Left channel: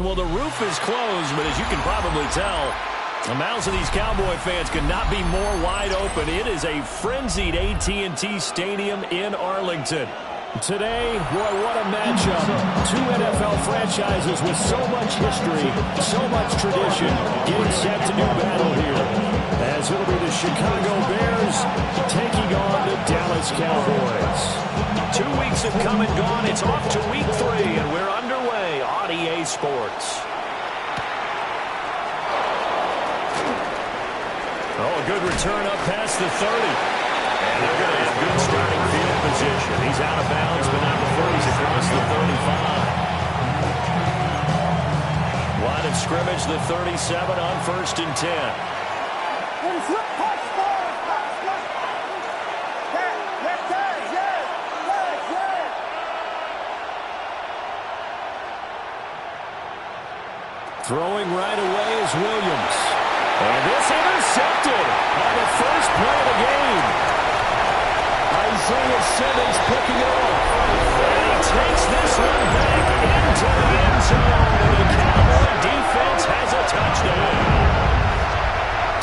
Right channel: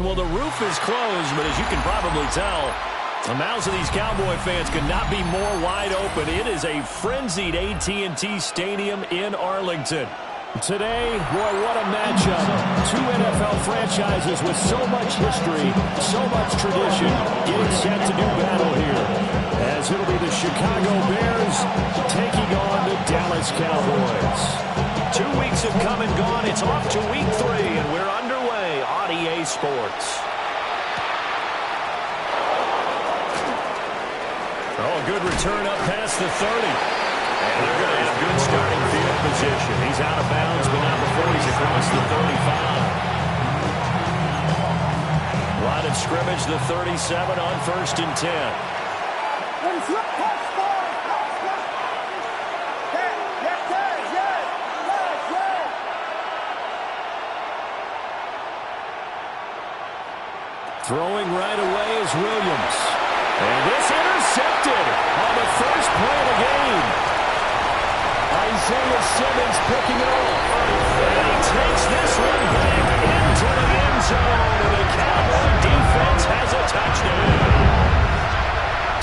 Well, the roof is closed, but as you can probably tell, the mouths of these Cowboy fans could not be more wide open. It is a frenzied AT&T Stadium in Arlington. Today, boy, what a matchup. Two NFL franchises with so much history, so much tradition, getting set to do battle here. As it'll be the Chicago Bears taking on the Dallas Cowboys. 2 weeks have come and gone. It's off to week 3, and we're underway on EA Sports. Oh, a good return up past the 30. And they're going to have good starting field position. He's out of bounds, but not before he's across the 35. Line of scrimmage, the 37 on 1st and 10. Throwing right away is Williams. And this intercepted on the first play of the game. Isaiah Simmons picking it off. And he takes this one back into the end zone. And the Cowboy defense has a touchdown.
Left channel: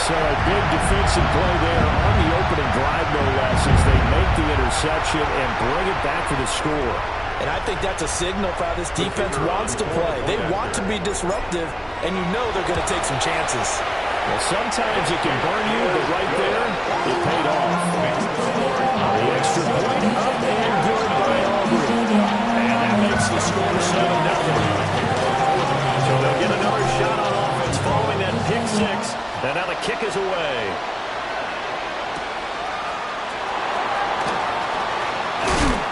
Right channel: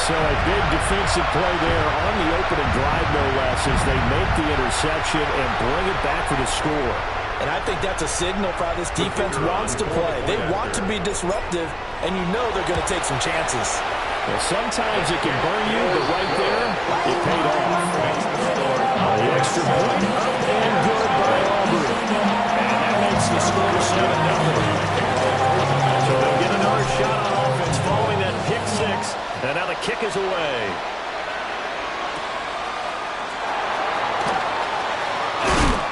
So a big defensive play there on the opening drive, no less, as they make the interception and bring it back for the score. And I think that's a signal for how this defense wants to play. They want to be disruptive, and you know they're going to take some chances. Well, sometimes it can burn you, but right there, it paid off. The extra point up and good by Aubrey. And that makes the score 7-0. So they'll get another shot on offense following that pick 6. And now the kick is away.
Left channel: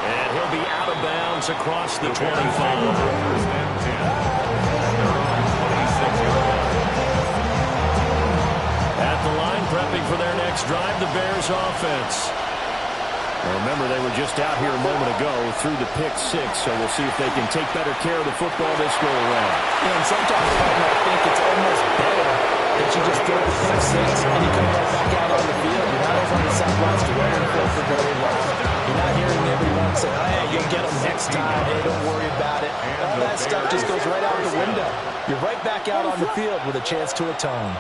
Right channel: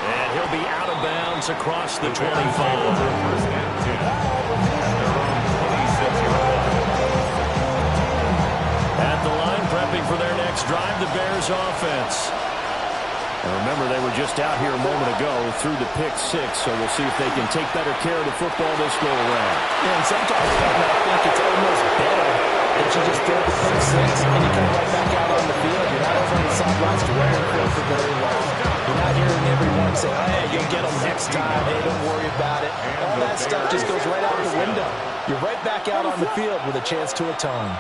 And he'll be out of bounds across the 25. First and 10 at their own 26-yard line. At the line, prepping for their next drive, the Bears offense. Now remember, they were just out here a moment ago through the pick 6, so we'll see if they can take better care of the football this go-around. Yeah, and sometimes, partner, I think it's almost better that you just throw the pick 6 and you come right back out on the field. You're not over on the sidelines dwelling for very long. You're not hearing everyone say, hey, you'll get them next time. Hey, don't worry about it. All that stuff just goes right out the window. You're right back out on the field with a chance to atone.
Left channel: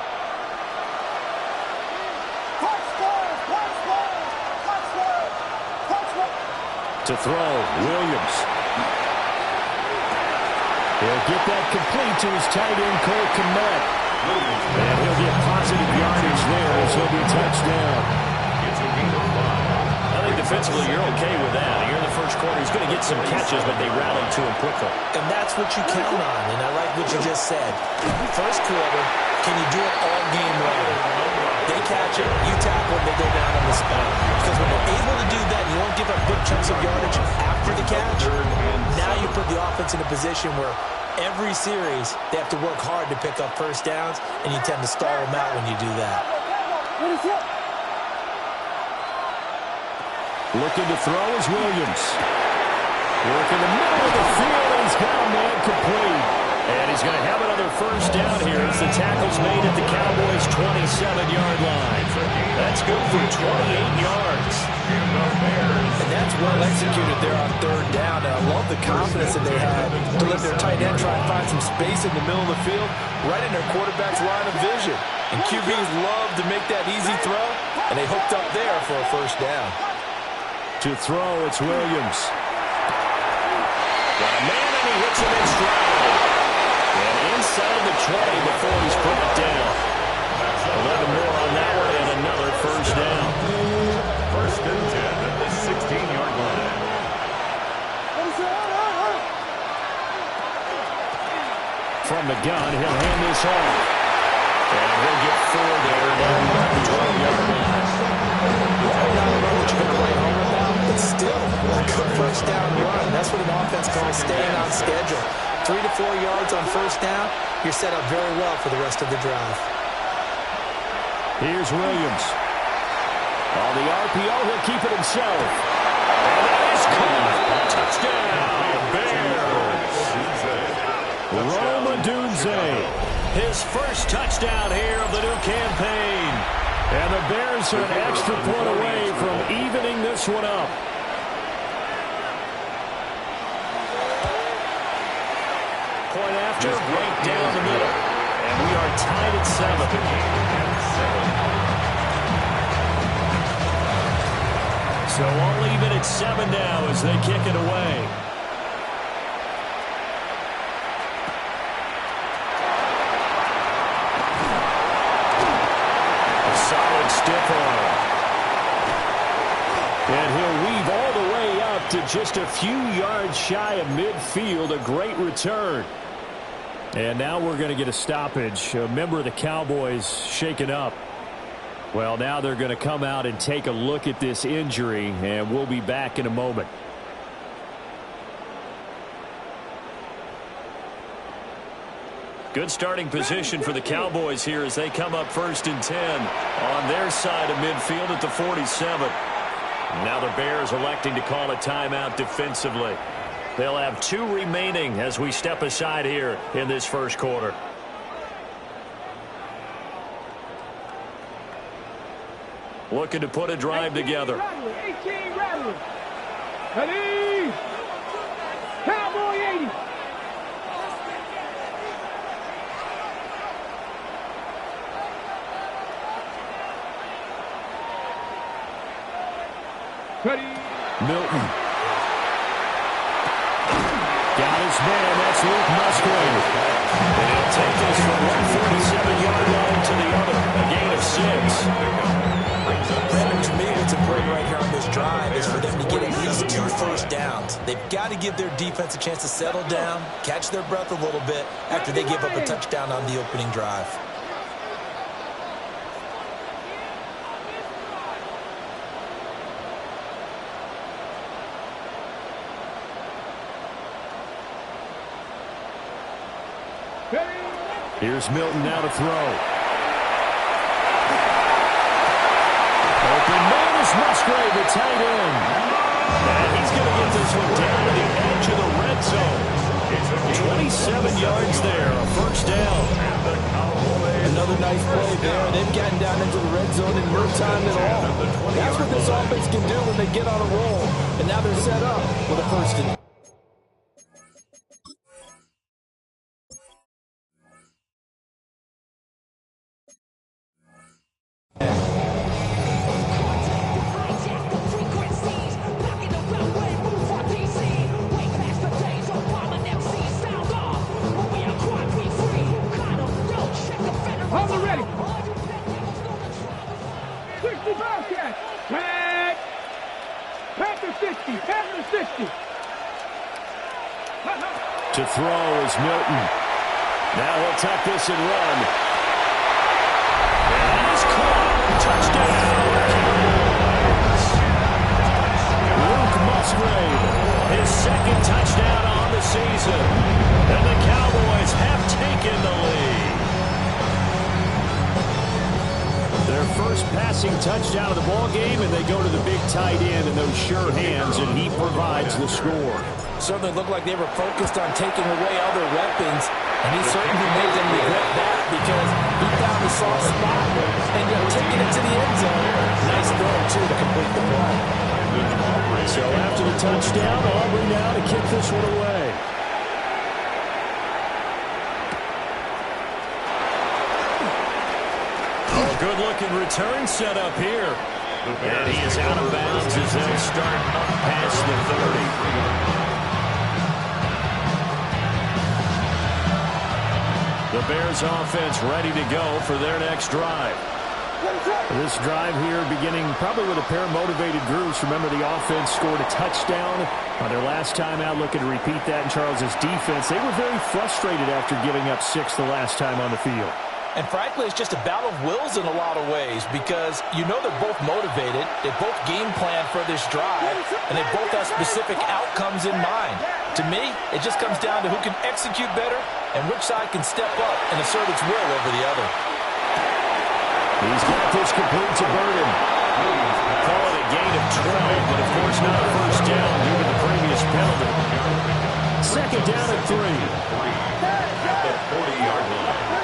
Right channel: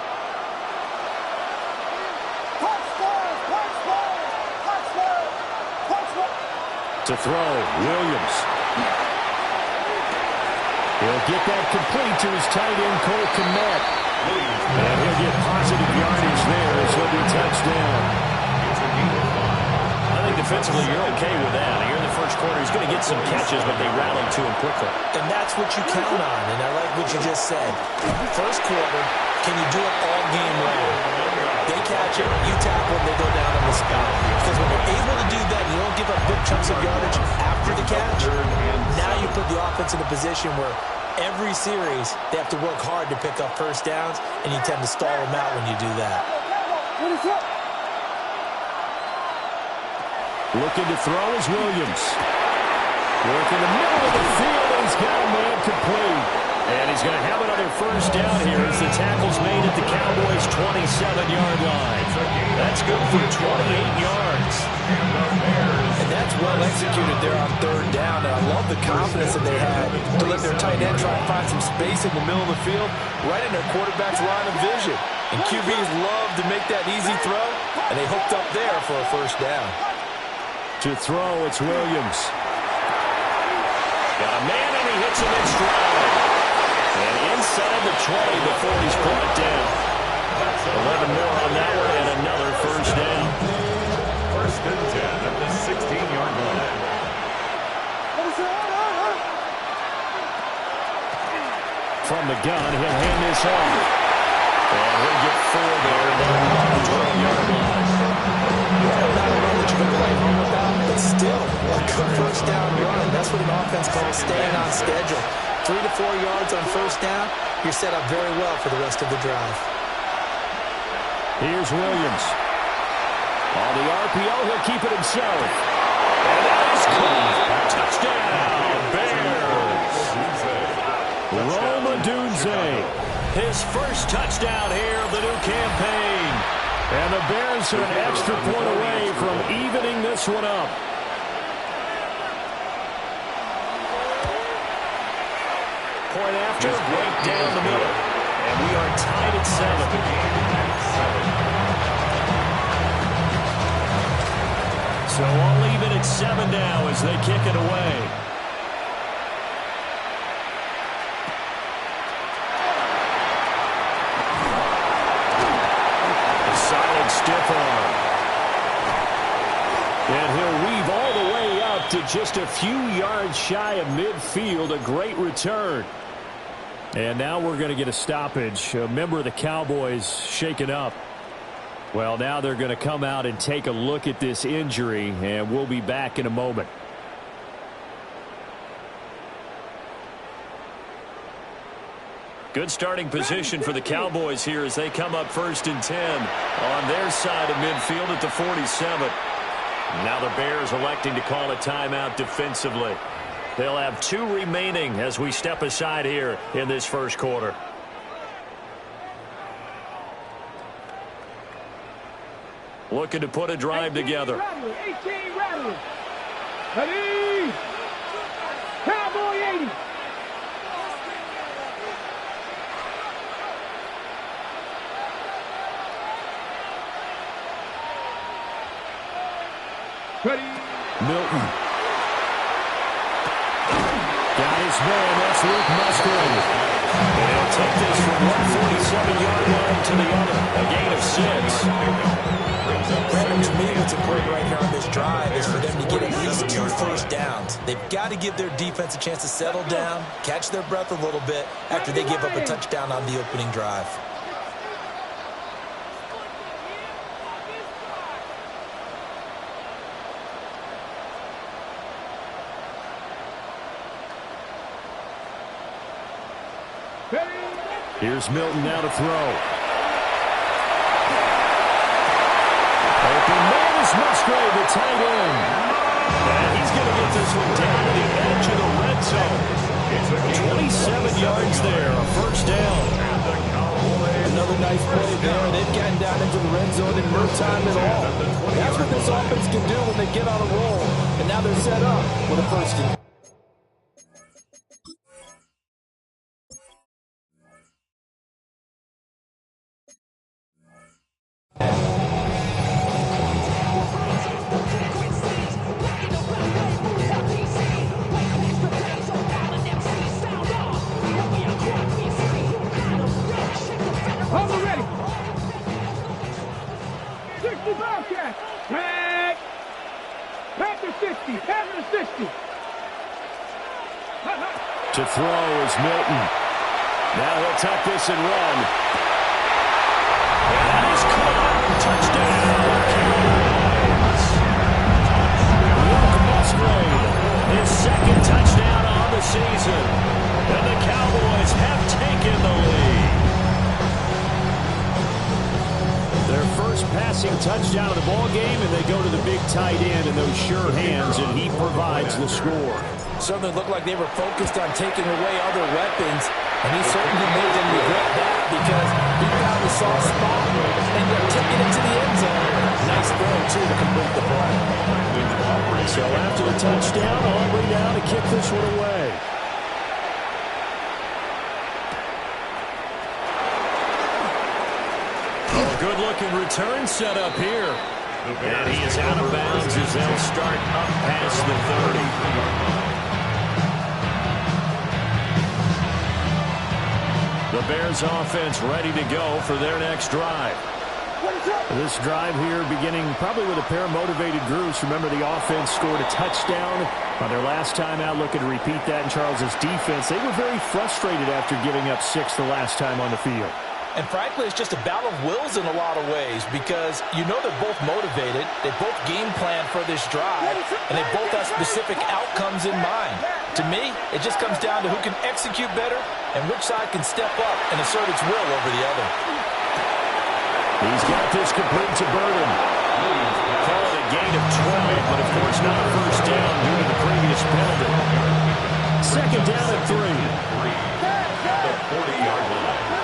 To throw, Williams. He'll get that complete to his tight end, Cole Kmet. And he'll get positive yardage there as he'll be touched down. I think defensively you're okay with that. Here in the first quarter, he's going to get some catches, but they rallied to him quickly. And that's what you count on, and I like what you just said. First quarter, can you do it all game long? They catch it, you tackle them, they go down on the spot. Because when you're able to do that, you don't give up big chunks of yardage after the catch. Now you put the offense in a position where every series they have to work hard to pick up first downs, and you tend to stall them out when you do that. Looking to throw is Williams. Work in the middle of the field, and he's got a man complete. And he's going to have another first down here as the tackle's made at the Cowboys' 27-yard line. That's good for 28 yards. And that's well executed there on third down. And I love the confidence that they had to let their tight end try and find some space in the middle of the field, right in their quarterback's line of vision. And QBs love to make that easy throw, and they hooked up there for a first down. To throw, it's Williams. Got a man, and he hits him in stride. And inside the 20 before he's brought down. 11 more on that one and another first down. First and 10 at the 16-yard line. From the gun, he'll hand this off. And he'll get 4 there down the 12-yard line. Not a run that you're going to write home about, but still a good first down run. That's what an offense calls staying on schedule. 3 to 4 yards on first down, you're set up very well for the rest of the drive. Here's Williams. On the RPO, he'll keep it himself. And that is caught. Touchdown, Bears. Rome Odunze. His first touchdown here of the new campaign. And the Bears are an extra point away from evening this one up. Point after, right down the middle. And we are tied at 7. So all even at 7 now as they kick it away. A solid stiff arm. And he'll weave all the way up to just a few yards shy of midfield. A great return. And now we're going to get a stoppage. A member of the Cowboys shaken up. Well, now they're going to come out and take a look at this injury, and we'll be back in a moment. Good starting position for the Cowboys here as they come up 1st and 10 on their side of midfield at the 47. Now the Bears electing to call a timeout defensively. They'll have 2 remaining as we step aside here in this first quarter. Looking to put a drive together. 18 Rattler. Ready? Cowboy 80. Ready? Milton. Got his man. That's Luke Musgrave. And he'll take this from 147-yard line to the other. A gain of 6. Brandon, to me, what's important right here on this drive is for them to get at least 2 first downs. They've got to give their defense a chance to settle down, catch their breath a little bit after they give up a touchdown on the opening drive. Here's Milton now to throw. Open man is Musgrave, the tight end. And he's going to get this one down to the edge of the red zone. 27 yards there, a first down. Another nice play there. They've gotten down into the red zone in no time at all. That's what this offense can do when they get on a roll. And now they're set up with a first and 10. To throw is Milton. Now he'll tuck this and run. And that is caught. Touchdown, Cowboys. Luke Musgrave, his 2nd touchdown on the season. And the Cowboys have taken the lead. Their first passing touchdown of the ball game, and they go to the big tight end in those sure hands, and he provides the score. Certainly looked like they were focused on taking away other weapons, and he certainly made them regret that because he found the soft spot and taking it to the end zone. Nice throw, too, to complete the play. So after the touchdown, Aubrey now to kick this one away. Oh, good-looking return set up here. And he is out of bounds as they'll start up past the 30. The Bears offense ready to go for their next drive. This drive here beginning probably with a pair of motivated groups. Remember, the offense scored a touchdown on their last time out. Looking to repeat that in Charles's defense. They were very frustrated after giving up 6 the last time on the field. And frankly, it's just a battle of wills in a lot of ways because you know they're both motivated. They both game plan for this drive, and they both have specific outcomes in mind. To me, it just comes down to who can execute better and which side can step up and assert its will over the other. He's got this complete to Burden. Call it a gain of 12, but of course not a first down due to the previous penalty. 2nd down and 3. 40-yard line.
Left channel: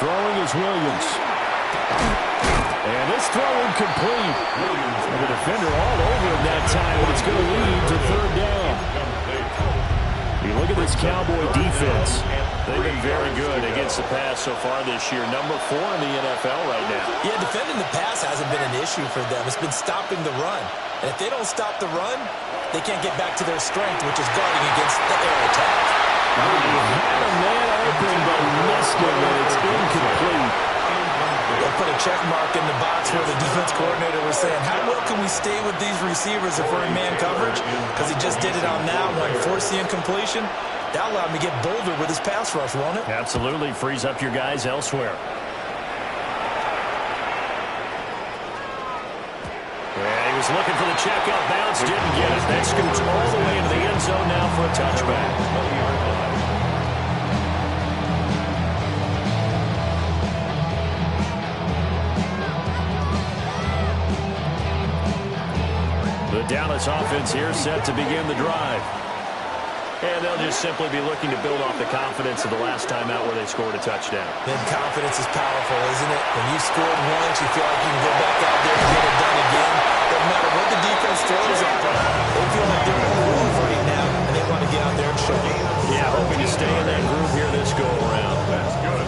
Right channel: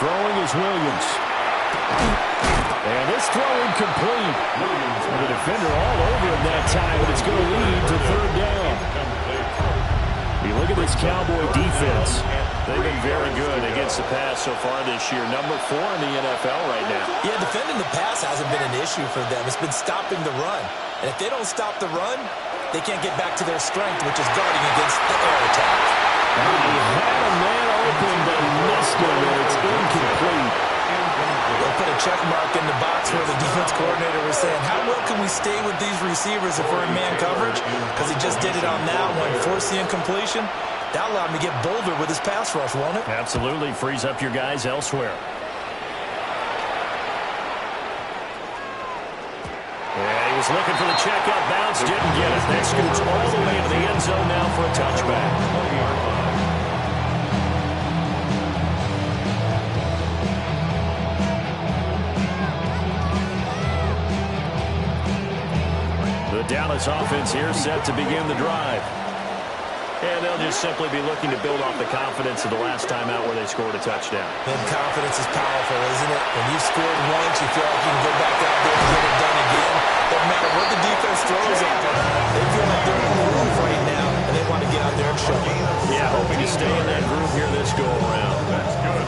Throwing is Williams. And this throw incomplete. The defender all over him that time, but it's going to lead to third down. You look at this Cowboy defense. They've been very good against the pass so far this year. Number 4 in the NFL right now. Yeah, defending the pass hasn't been an issue for them. It's been stopping the run. And if they don't stop the run, they can't get back to their strength, which is guarding against the air attack. He had a man open, but missed him, and it's incomplete. They'll put a check mark in the box where the defense coordinator was saying, how well can we stay with these receivers if we're in man coverage? Because he just did it on that one, forced the incompletion. That allowed him to get bolder with his pass rush, won't it? Absolutely. Frees up your guys elsewhere. Yeah, he was looking for the checkup bounce, didn't get it. That scoots all the way into the end zone now for a touchback. 20-yard line. The Dallas offense here set to begin the drive. And they'll just simply be looking to build off the confidence of the last time out where they scored a touchdown. Then confidence is powerful, isn't it? When you've scored once, you feel like you can go back out there and get it done again. Doesn't matter what the defense throws at them. They feel like they're in a groove right now, and they want to get out there and show it. Yeah, hoping to stay in that groove here this go-around. That's good.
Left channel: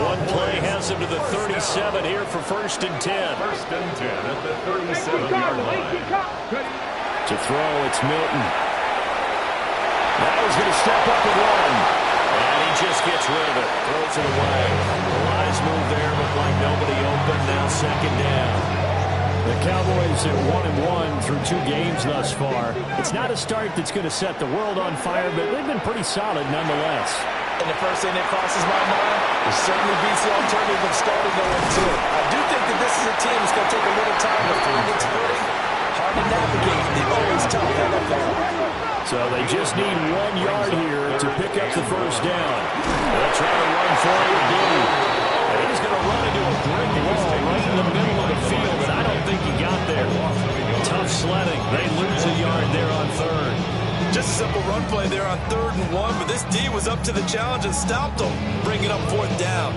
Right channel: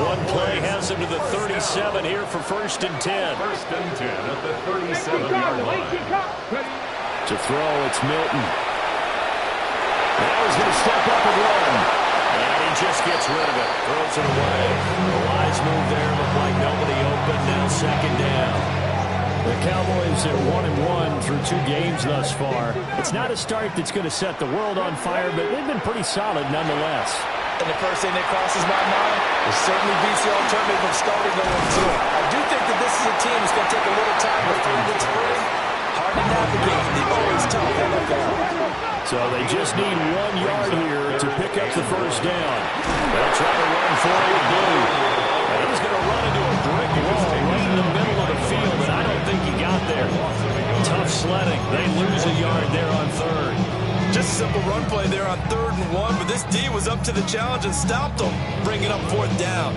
One play has them to the 37 here for 1st and 10. 1st and 10 at the 37-yard line. To throw, it's Milton. Now he's going to step up and run. And he just gets rid of it. Throws it away. The wise move there. Looked like nobody open. Now 2nd down. The Cowboys at 1-1 through 2 games thus far. It's not a start that's going to set the world on fire, but they've been pretty solid nonetheless. And the first thing that crosses my mind, it certainly beats the alternative of starting 0-2. I do think that this is a team that's going to take a little time to find its footing. Hard to navigate in the always tough NFL. So they just need 1 yard here to pick up the 1st down. They'll try to run for it with Blue. And he's going to run into a brick wall right in the middle of the field, and I don't think he got there. Tough sledding. They lose a yard there on 3rd. Just a simple run play there on 3rd and 1, but this D was up to the challenge and stopped them, bringing up 4th down.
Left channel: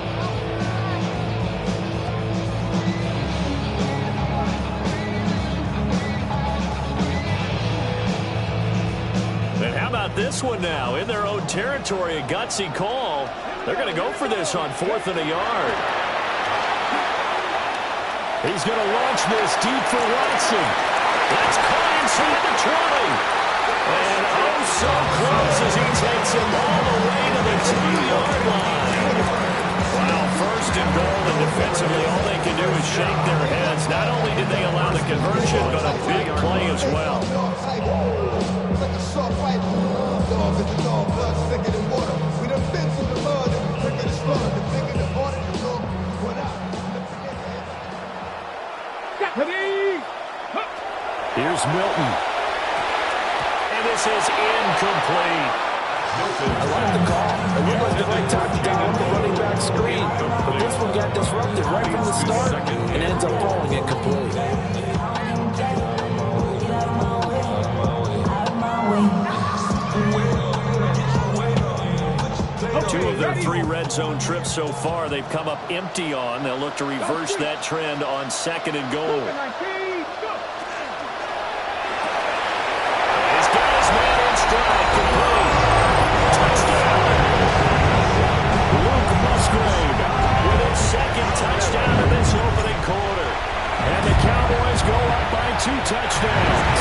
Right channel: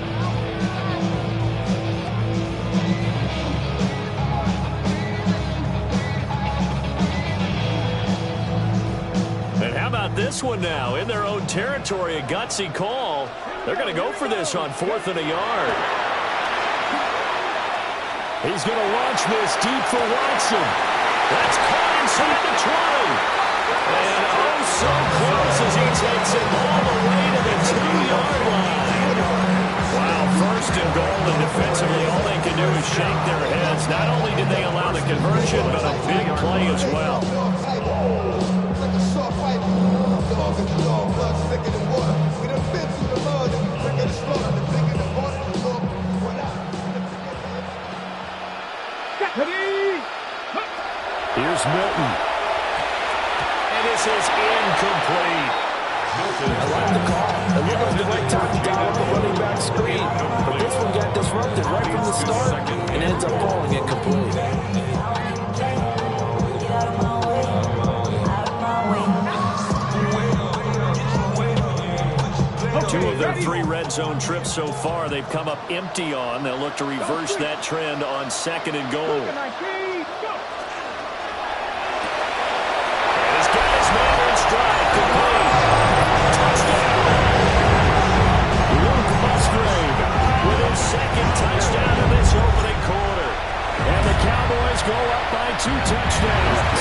And how about this one now? In their own territory, a gutsy call. They're going to go for this on 4th and a yard. He's going to launch this deep for Watson. That's caught inside the 20. And oh, so close as he takes him all the way to the 2-yard line. Wow, 1st and goal, and defensively all they can do is shake their heads. Not only did they allow the conversion, but a big play as well. Here's Milton. And this is incomplete. I like the call. It looked like the right time to dial up the running back screen. But this one got disrupted right from the start and ends up falling incomplete. 2 of their 3 red zone trips so far they've come up empty on. They'll look to reverse that trend on 2nd and goal. And he's got his man in stride. Complete. Touchdown. Luke Musgrave with his 2nd touchdown in this opening quarter. And the Cowboys go up by 2 touchdowns.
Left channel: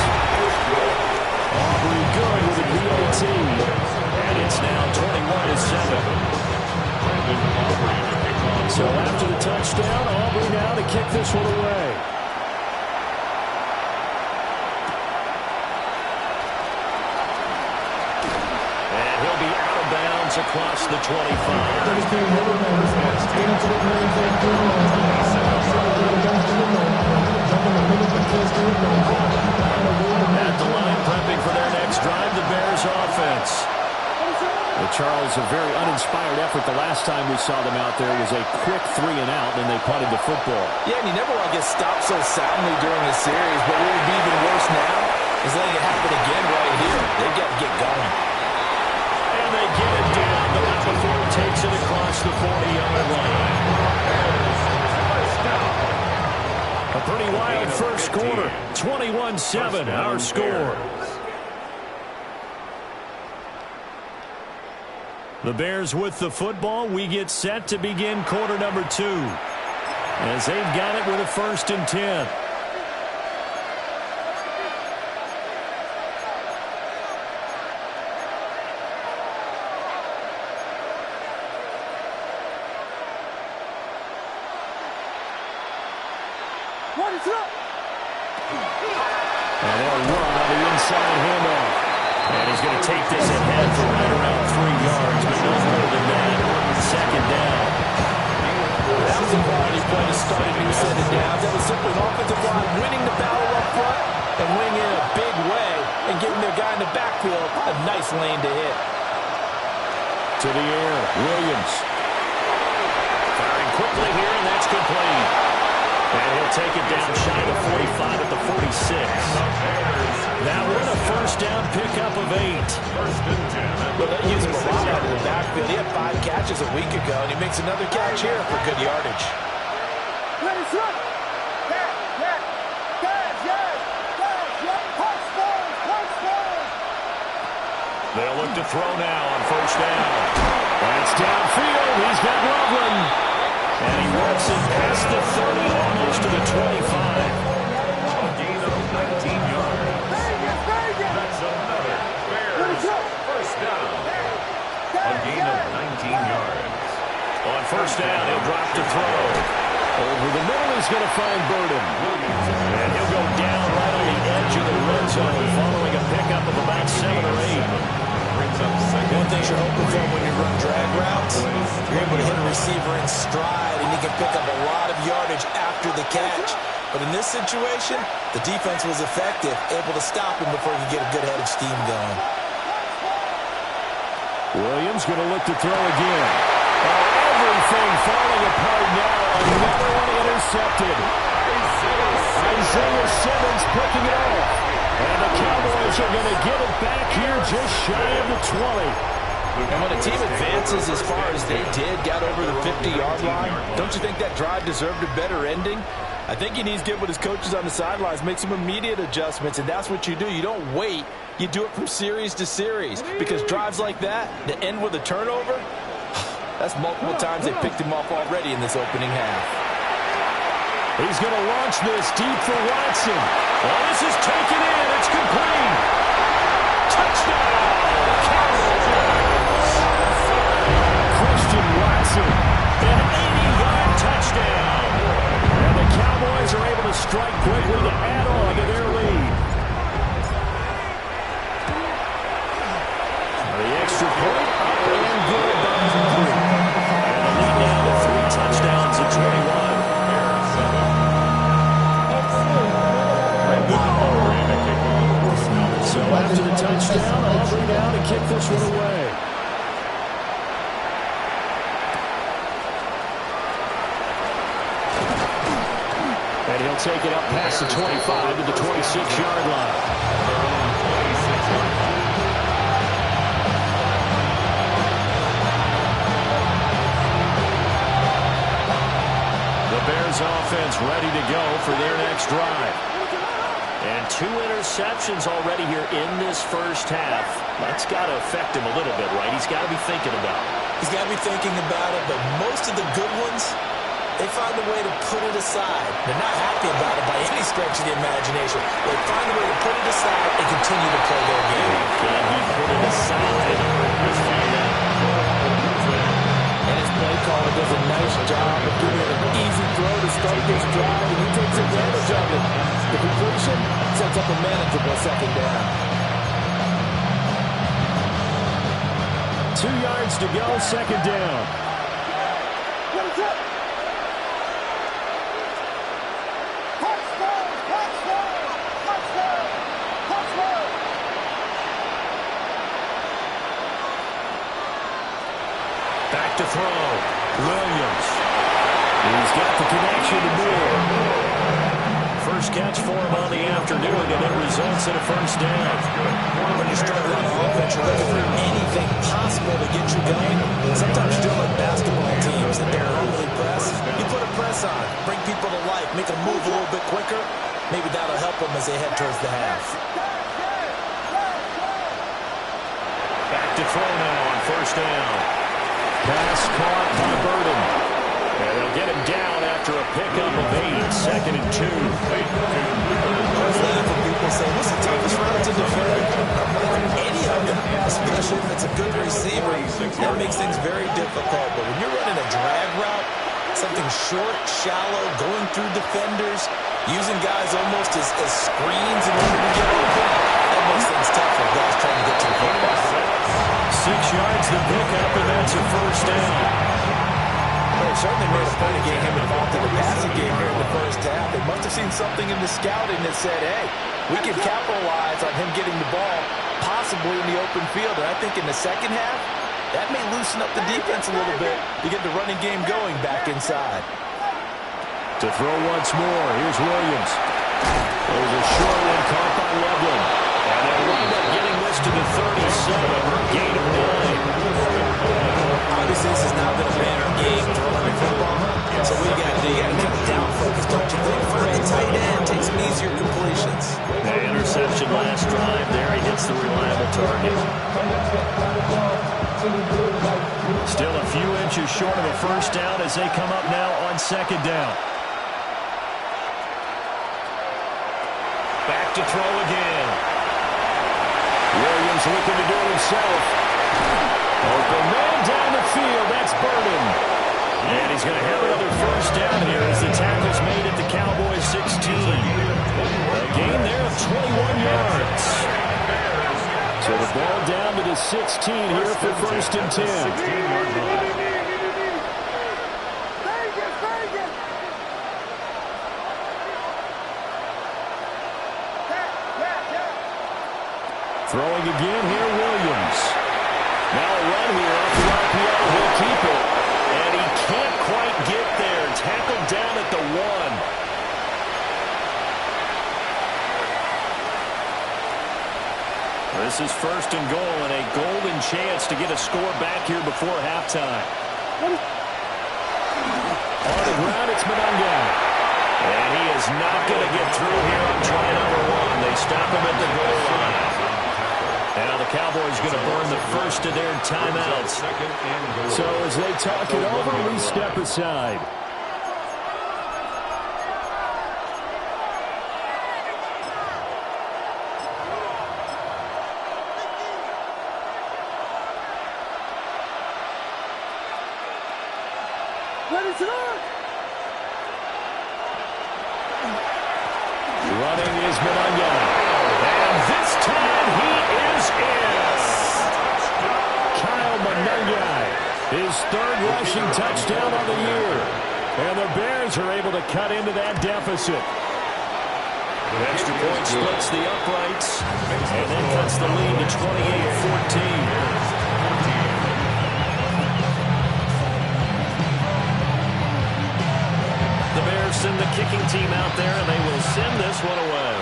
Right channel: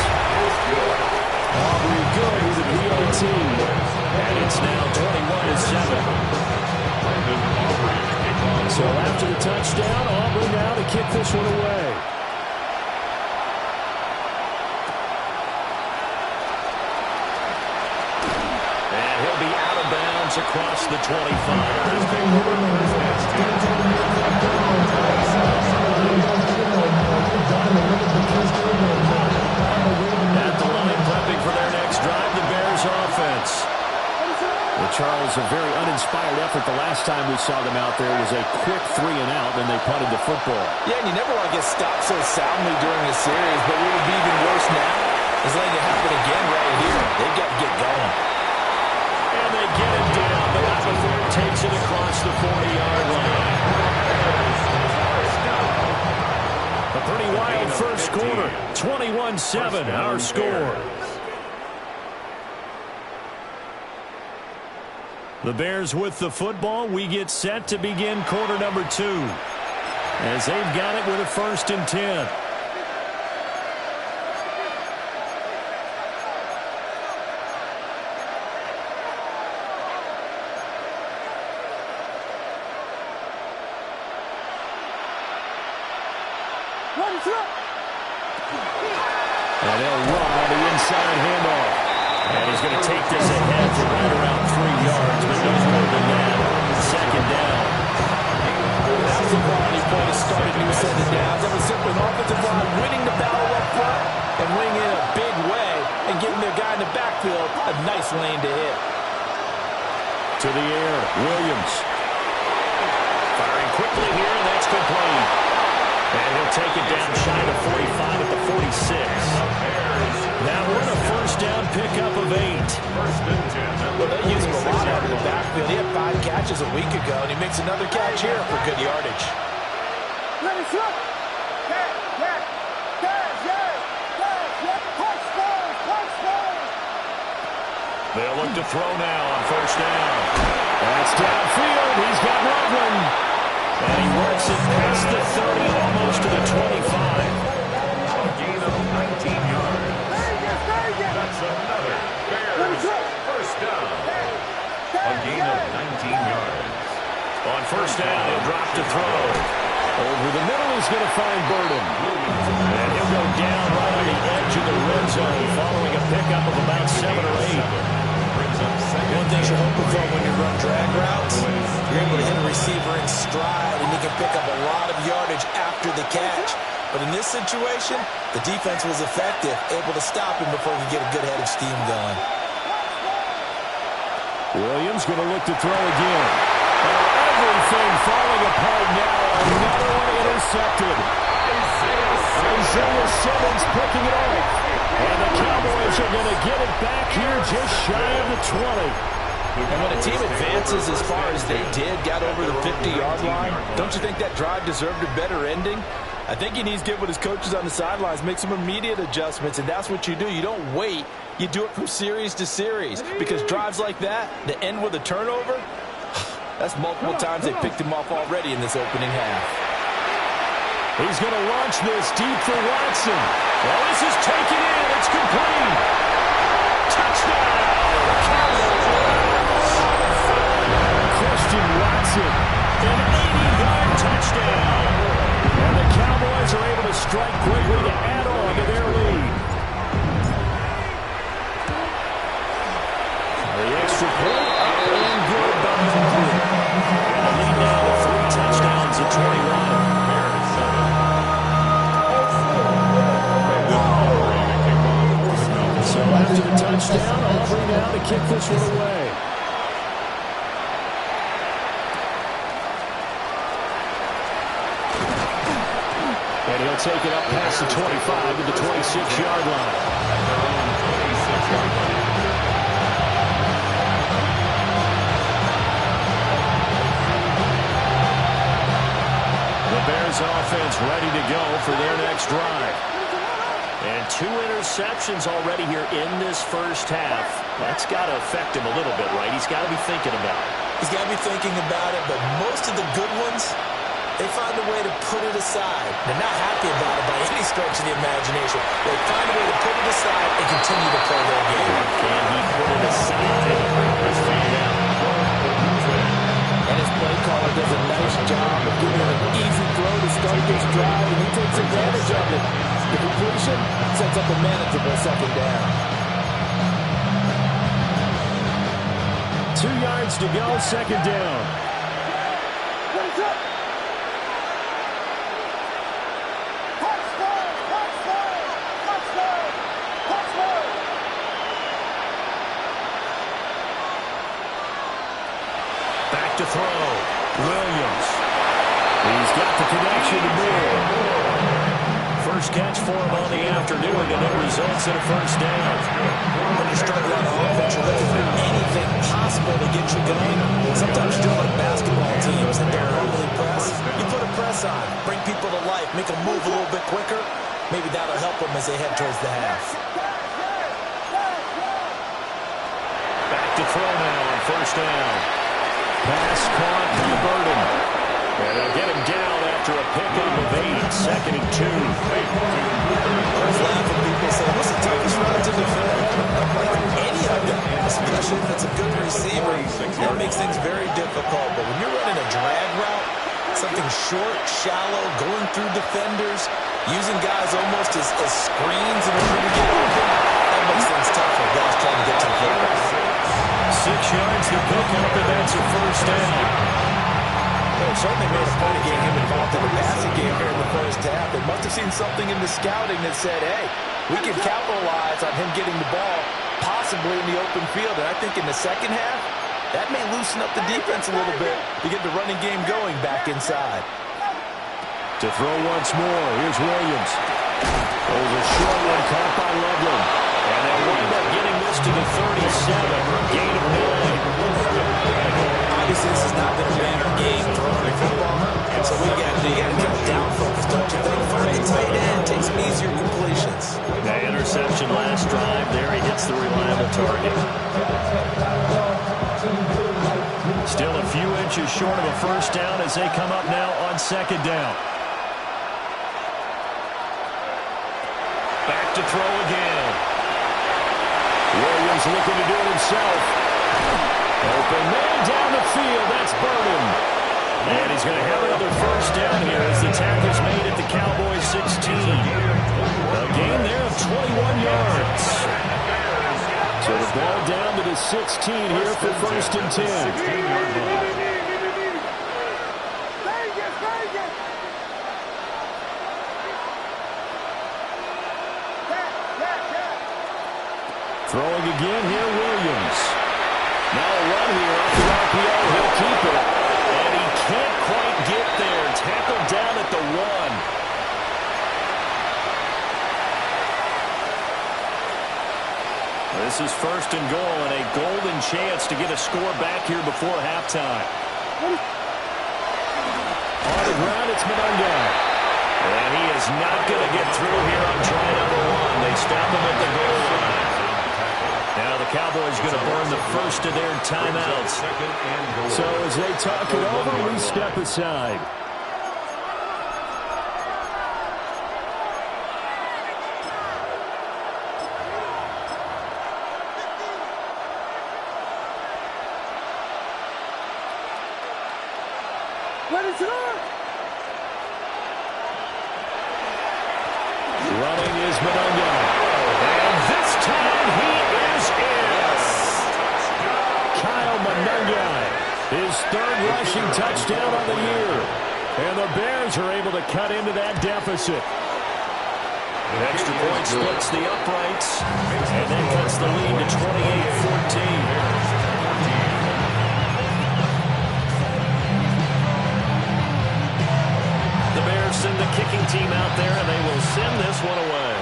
Aubrey good with the PAT. And it's now 21-7. So after the touchdown, Aubrey now to kick this one away. And he'll be out of bounds across the 25. At the line, prepping for their next drive, the Bears offense. Well, Charles, a very uninspired effort the last time we saw them out there was a quick 3-and-out, and they punted the football. Yeah, and you never want to get stopped so soundly during a series, but what would be even worse now is letting it happen again right here. They've got to get going. And they get it down, but not before he takes it across the 40-yard line. A pretty wild first quarter. 21-7, our score. The Bears with the football. We get set to begin quarter number 2. As they've got it with a 1st and 10. And they'll run on the inside handoff. And he's going to take this ahead for right around 3 yards, but no more than that. 2nd down. That was a quality play to start a new set of downs. That was simply an offensive line winning the battle up front and winning in a big way and giving their guy in the backfield a nice lane to hit. To the air, Williams. Firing quickly here, and that's complete. And he'll take it down shy of 45 at the 46. Now we're in a 1st down pickup of 8. 1st and 10. Well, they use him a lot out of the backfield. He had 5 catches a week ago, and he makes another catch here for good yardage. They'll look to throw now on 1st down. That's downfield. He's got Loveland. And he works it past the 30, almost to the 25. A gain of 19 yards. That's another Bears 1st down. A gain of 19 yards. On 1st down, he'll drop to throw. Over the middle, he's going to find Burden. And he'll go down right on the edge of the red zone, following a pickup of about 7 or 8. One thing you're hoping for when you run drag routes, you're able to hit a receiver in stride, and he can pick up a lot of yardage after the catch. But in this situation, the defense was effective, able to stop him before he could get a good head of steam going. Williams going to look to throw again. Oh, everything falling apart now. Another one intercepted. Isaiah Simmons picking it off. And the Cowboys are going to get it back here just shy of the 20. And when a team advances as far as they did, got over the 50-yard line, don't you think that drive deserved a better ending? I think he needs to get with his coaches on the sidelines, make some immediate adjustments, and that's what you do. You don't wait. You do it from series to series, because drives like that, to end with a turnover, that's multiple times they picked him off already in this opening half. He's going to launch this deep for Watson. Well, this is taken in. It's complete. Touchdown, Cowboys. Christian Watson, an 80-yard touchdown. And the Cowboys are able to strike quickly to add on to their lead. The extra point up and good by Drew. And the lead now to 3 touchdowns at 21. So after the touchdown, Aubrey now to kick this one away. And he'll take it up past the 25 to the 26-yard line. At their own 26-yard line. The Bears offense ready to go for their next drive. And 2 interceptions already here in this first half. That's got to affect him a little bit, right? He's got to be thinking about it. He's got to be thinking about it, but most of the good ones, they find a way to put it aside. They're not happy about it by any stretch of the imagination. They find a way to put it aside and continue to play their game. Can he put it aside? Let's find out. And his play caller does a nice job of giving him an easy throw to start this drive, and he takes advantage of it. The completion sets up a manageable 2nd down. 2 yards to go, 2nd down. Back to throw. Williams. He's got the connection to Moore. first catch for him on the afternoon, and it results in a first down. When you're struggling on offense, you're looking for anything possible to get you going. Sometimes you're doing like basketball teams that don't normally press. You put a press on, bring people to life, make them move a little bit quicker. Maybe that'll help them as they head towards the half. Back to throw now on first down. Pass caught by Burden. And they'll get him down after a pickup of 8, 2nd and 2. I always laugh when people say, what's the toughest route to defend? I'm like, any of them, especially if it's a good receiver. That makes things very difficult. But when you're running a drag route, something short, shallow, going through defenders, using guys almost as screens in order to get open, that makes things tough for guys trying to get to the football. 6 yards to pick up, and that's a first down. But it certainly made a point of getting him involved in the passing game here in the first half. They must have seen something in the scouting that said, hey, we can capitalize on him getting the ball possibly in the open field. And I think in the second half, that may loosen up the defense a little bit to get the running game going back inside. To throw once more, here's Williams. There's a short one caught by Loveland. And they'll wind up getting this to the 37, gain of 9. Obviously, this has not been a banner game throwing the football. So what you got to do? You got to kind of down focus, don't you think? Find a tight end, take some easier completions. The interception last drive. There he hits the reliable target. Still a few inches short of a first down as they come up now on second down. Back to throw again. Williams looking to do it himself. Open man down the field. That's Burden. And he's going to have another first down here as the tackle's made at the Cowboys 16. A gain there of 21 yards. So the ball down to the 16 here for first and 10. Throwing again here, Williams. Now a run here off the RPO. He'll keep it. And he can't quite get there. Tackled down at the 1. This is first and goal and a golden chance to get a score back here before halftime. On the ground, it's Monangai. And he is not going to get through here on try number 1. They stop him at the goal line. Now the Cowboys going to burn the first of their timeouts. So as they talk it over, we step aside. Running is Monangai. And this time he is in. Kyle Monangai, his third rushing touchdown on the year. And the Bears are able to cut into that deficit. The extra point splits the uprights and then cuts the lead to 28-14. The Bears send the kicking team out there, and they will send this one away.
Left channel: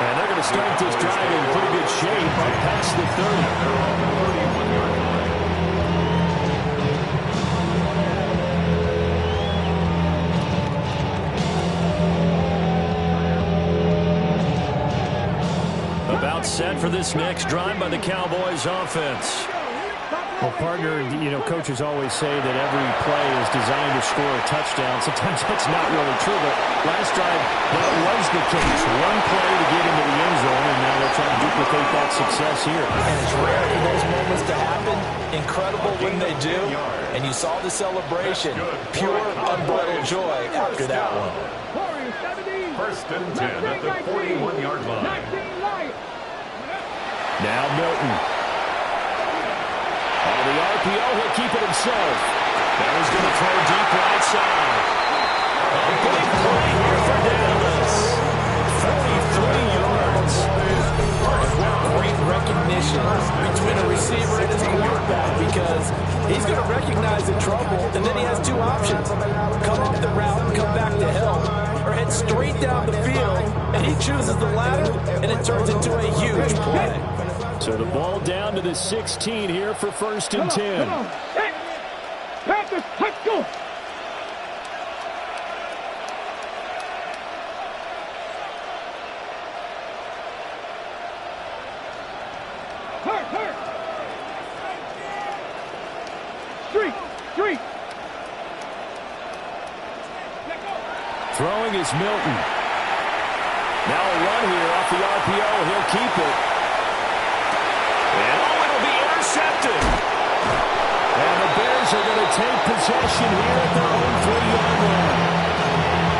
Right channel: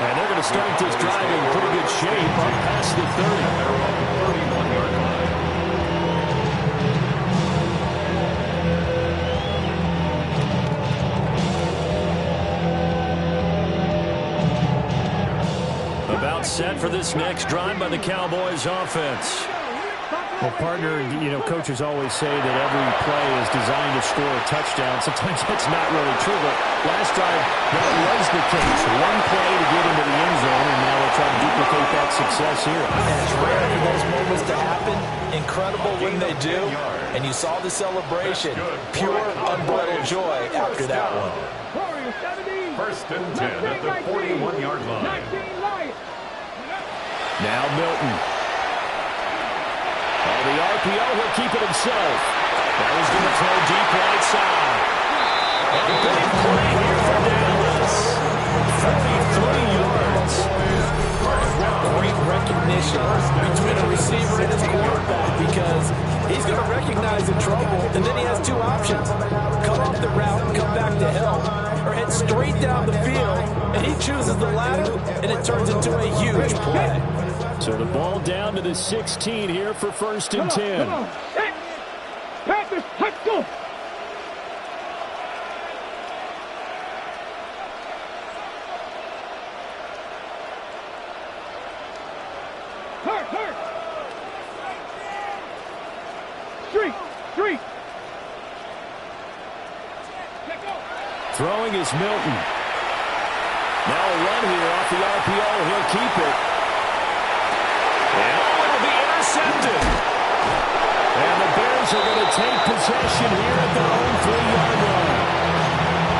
And they're going to start this drive in pretty good shape up past the 30. They're on the 31-yard line. About set for this next drive by the Cowboys offense. Well, partner, you know, coaches always say that every play is designed to score a touchdown. Sometimes that's not really true, but last drive, that was the case. One play to get into the end zone, and now they'll try to duplicate that success here. And it's rare for those moments to happen. Incredible when they do. And you saw the celebration. Pure, unbridled joy after that one. First and 10 at the 41-yard line. Now Milton. On the RPO, he'll keep it himself. That was going to throw deep right side. A big play here for Dallas. 33 yards. And what great recognition recognition between a receiver and his quarterback because he's going to recognize the trouble, and then he has two options. Come off the route and come back to help, or head straight down the field, and he chooses the latter, and it turns into a huge play. So the ball down to the 16 here for 1st and 10. Come on. Set. Panthers, let's go. Hurt. Street. Let go. Throwing is Milton. Now a run here off the RPO. He'll keep it. And it'll be intercepted. And the Bears are going to take possession here at their own 3-yard line.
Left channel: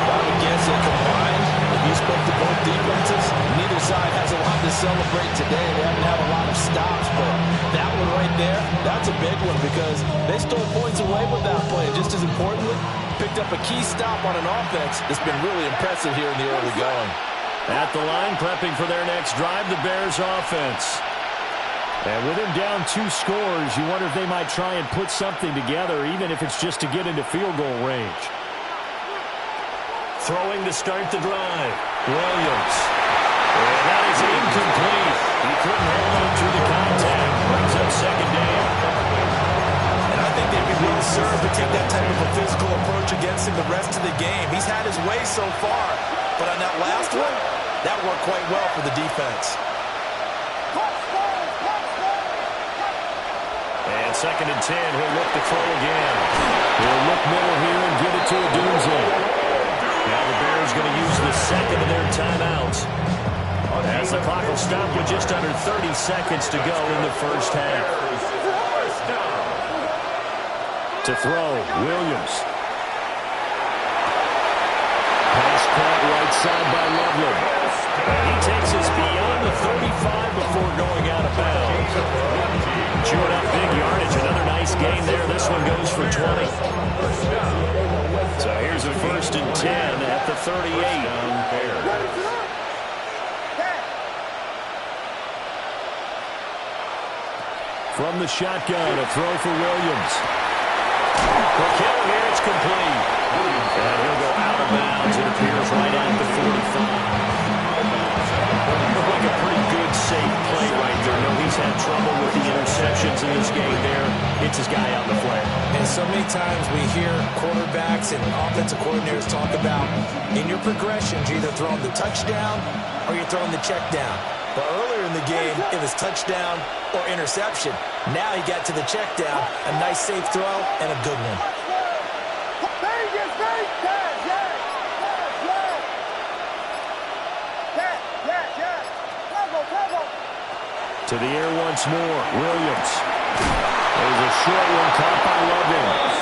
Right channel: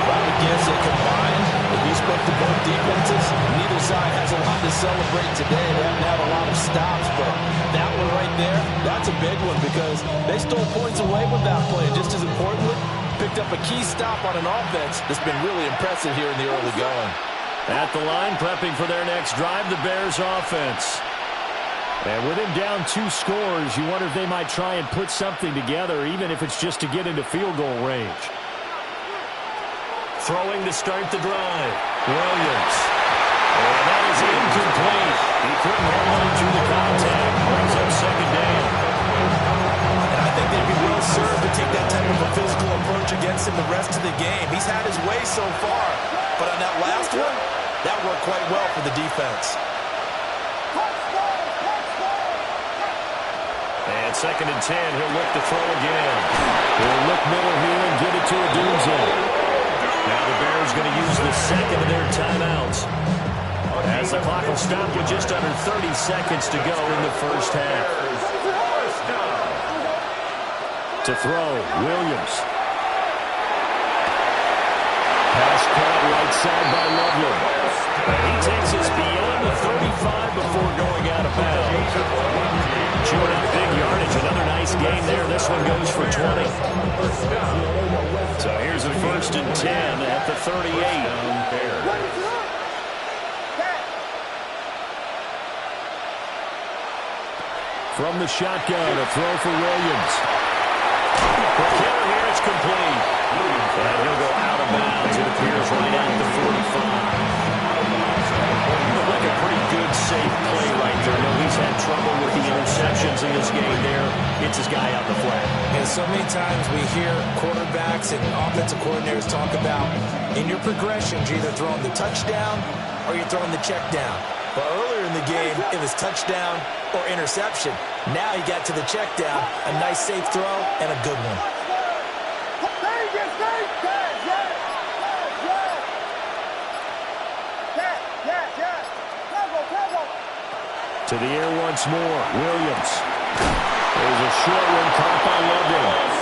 I would guess that combined, if you spoke to both defenses, neither side has a lot to celebrate today. They haven't had a lot of stops, but that one right there, that's a big one because they stole points away with that play. And just as importantly, picked up a key stop on an offense that's been really impressive here in the early going. At the line, prepping for their next drive, the Bears offense. And with him down 2 scores, you wonder if they might try and put something together, even if it's just to get into field goal range. Throwing to start the drive. Williams. And that is incomplete. He couldn't hold on through the contact. Brings up 2nd down. And I think they'd be well served to take that type of a physical approach against him the rest of the game. He's had his way so far, but on that last one, that worked quite well for the defense. And 2nd and 10, he'll look to throw again. He'll look middle here and get it to Odunze. Now the Bears going to use the 2nd of their timeouts. As the clock will stop with just under 30 seconds to go in the first half. To throw, Williams. Pass caught right side by Loveland. He takes us beyond the 35 before going out of bounds. Chewing up big yardage. Another nice gain there. This one goes for 20. So here's a 1st and 10 at the 38. From the shotgun, a throw for Williams. The killer here, it's complete. And he'll go out of bounds. It appears right at the 45. Looked like a pretty good, safe play right there. No, he's had trouble with the interceptions in this game there. It's his guy out in the flat. And so many times we hear quarterbacks and offensive coordinators talk about in your progressions, you're either throwing the touchdown or you're throwing the check down. But earlier in the game, it was touchdown or interception. Now he got to the check down, a nice safe throw and a good one. To the air once more, Williams. There's a short one caught by Loveland.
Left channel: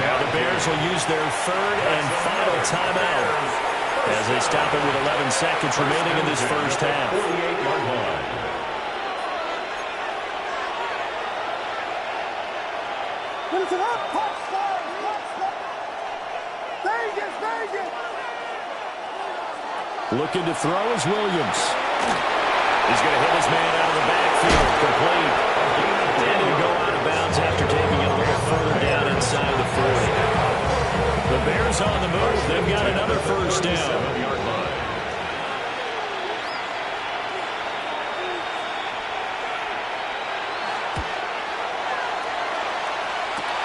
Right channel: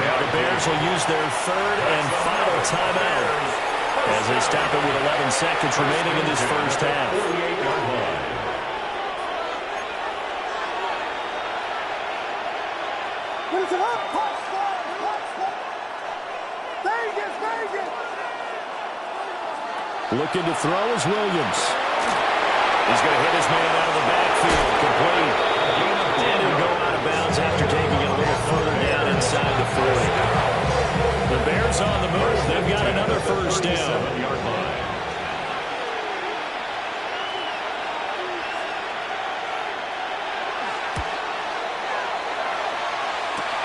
Now the Bears will use their 3rd and final timeout as they stop it with 11 seconds remaining in this first half. 48-yard line. Looking to throw is Williams. He's going to hit his man out of the backfield, complete. And he'll go out of bounds after taking it a little further down inside the 40. The Bears on the move. They've got another 1st down.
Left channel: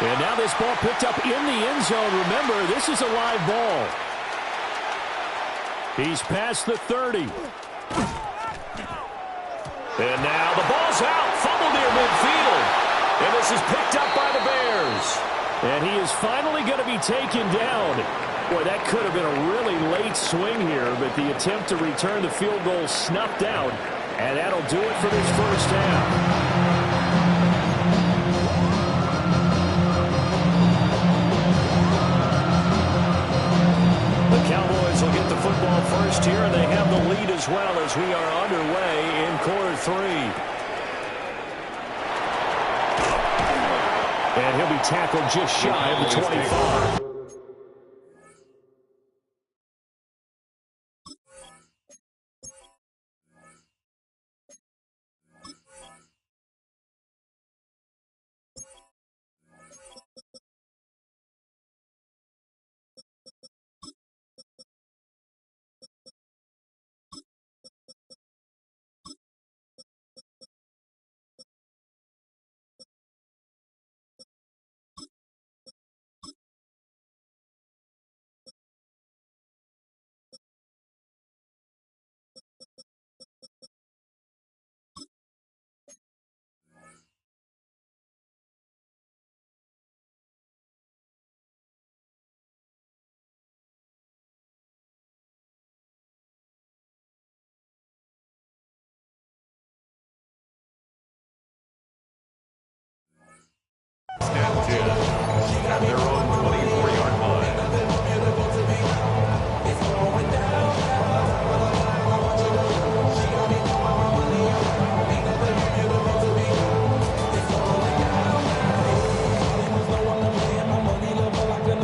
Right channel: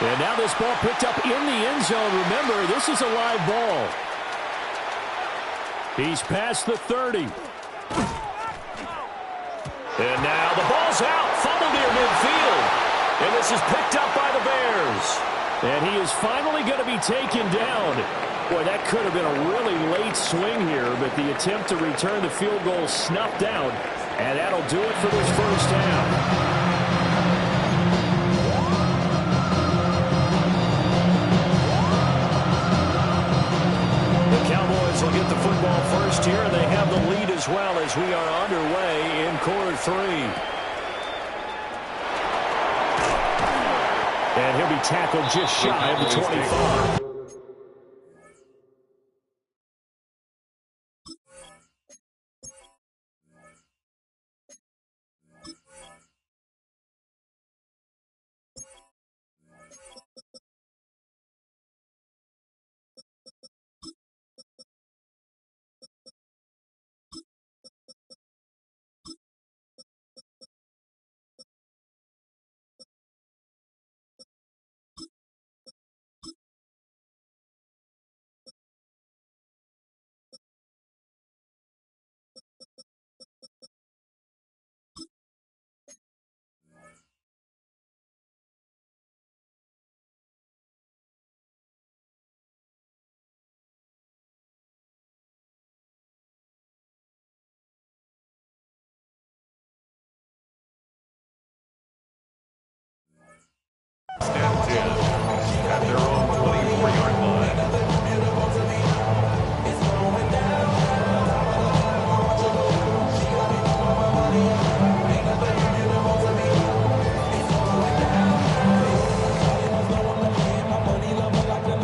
And now this ball picked up in the end zone. Remember, this is a live ball. He's past the 30. And now the ball's out. Fumble near midfield. And this is picked up by the Bears. And he is finally going to be taken down. Boy, that could have been a really late swing here, but the attempt to return the field goal snuffed out. And that'll do it for this first half. Cowboys will get the football first here, and they have the lead as well as we are underway in quarter 3. And he'll be tackled just shy of the 25.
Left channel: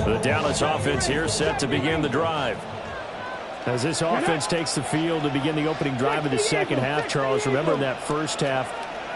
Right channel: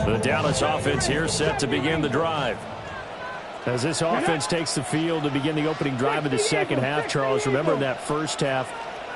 The Dallas offense here set to begin the drive. As this offense takes the field to begin the opening drive of the second half, Charles, remember in that first half,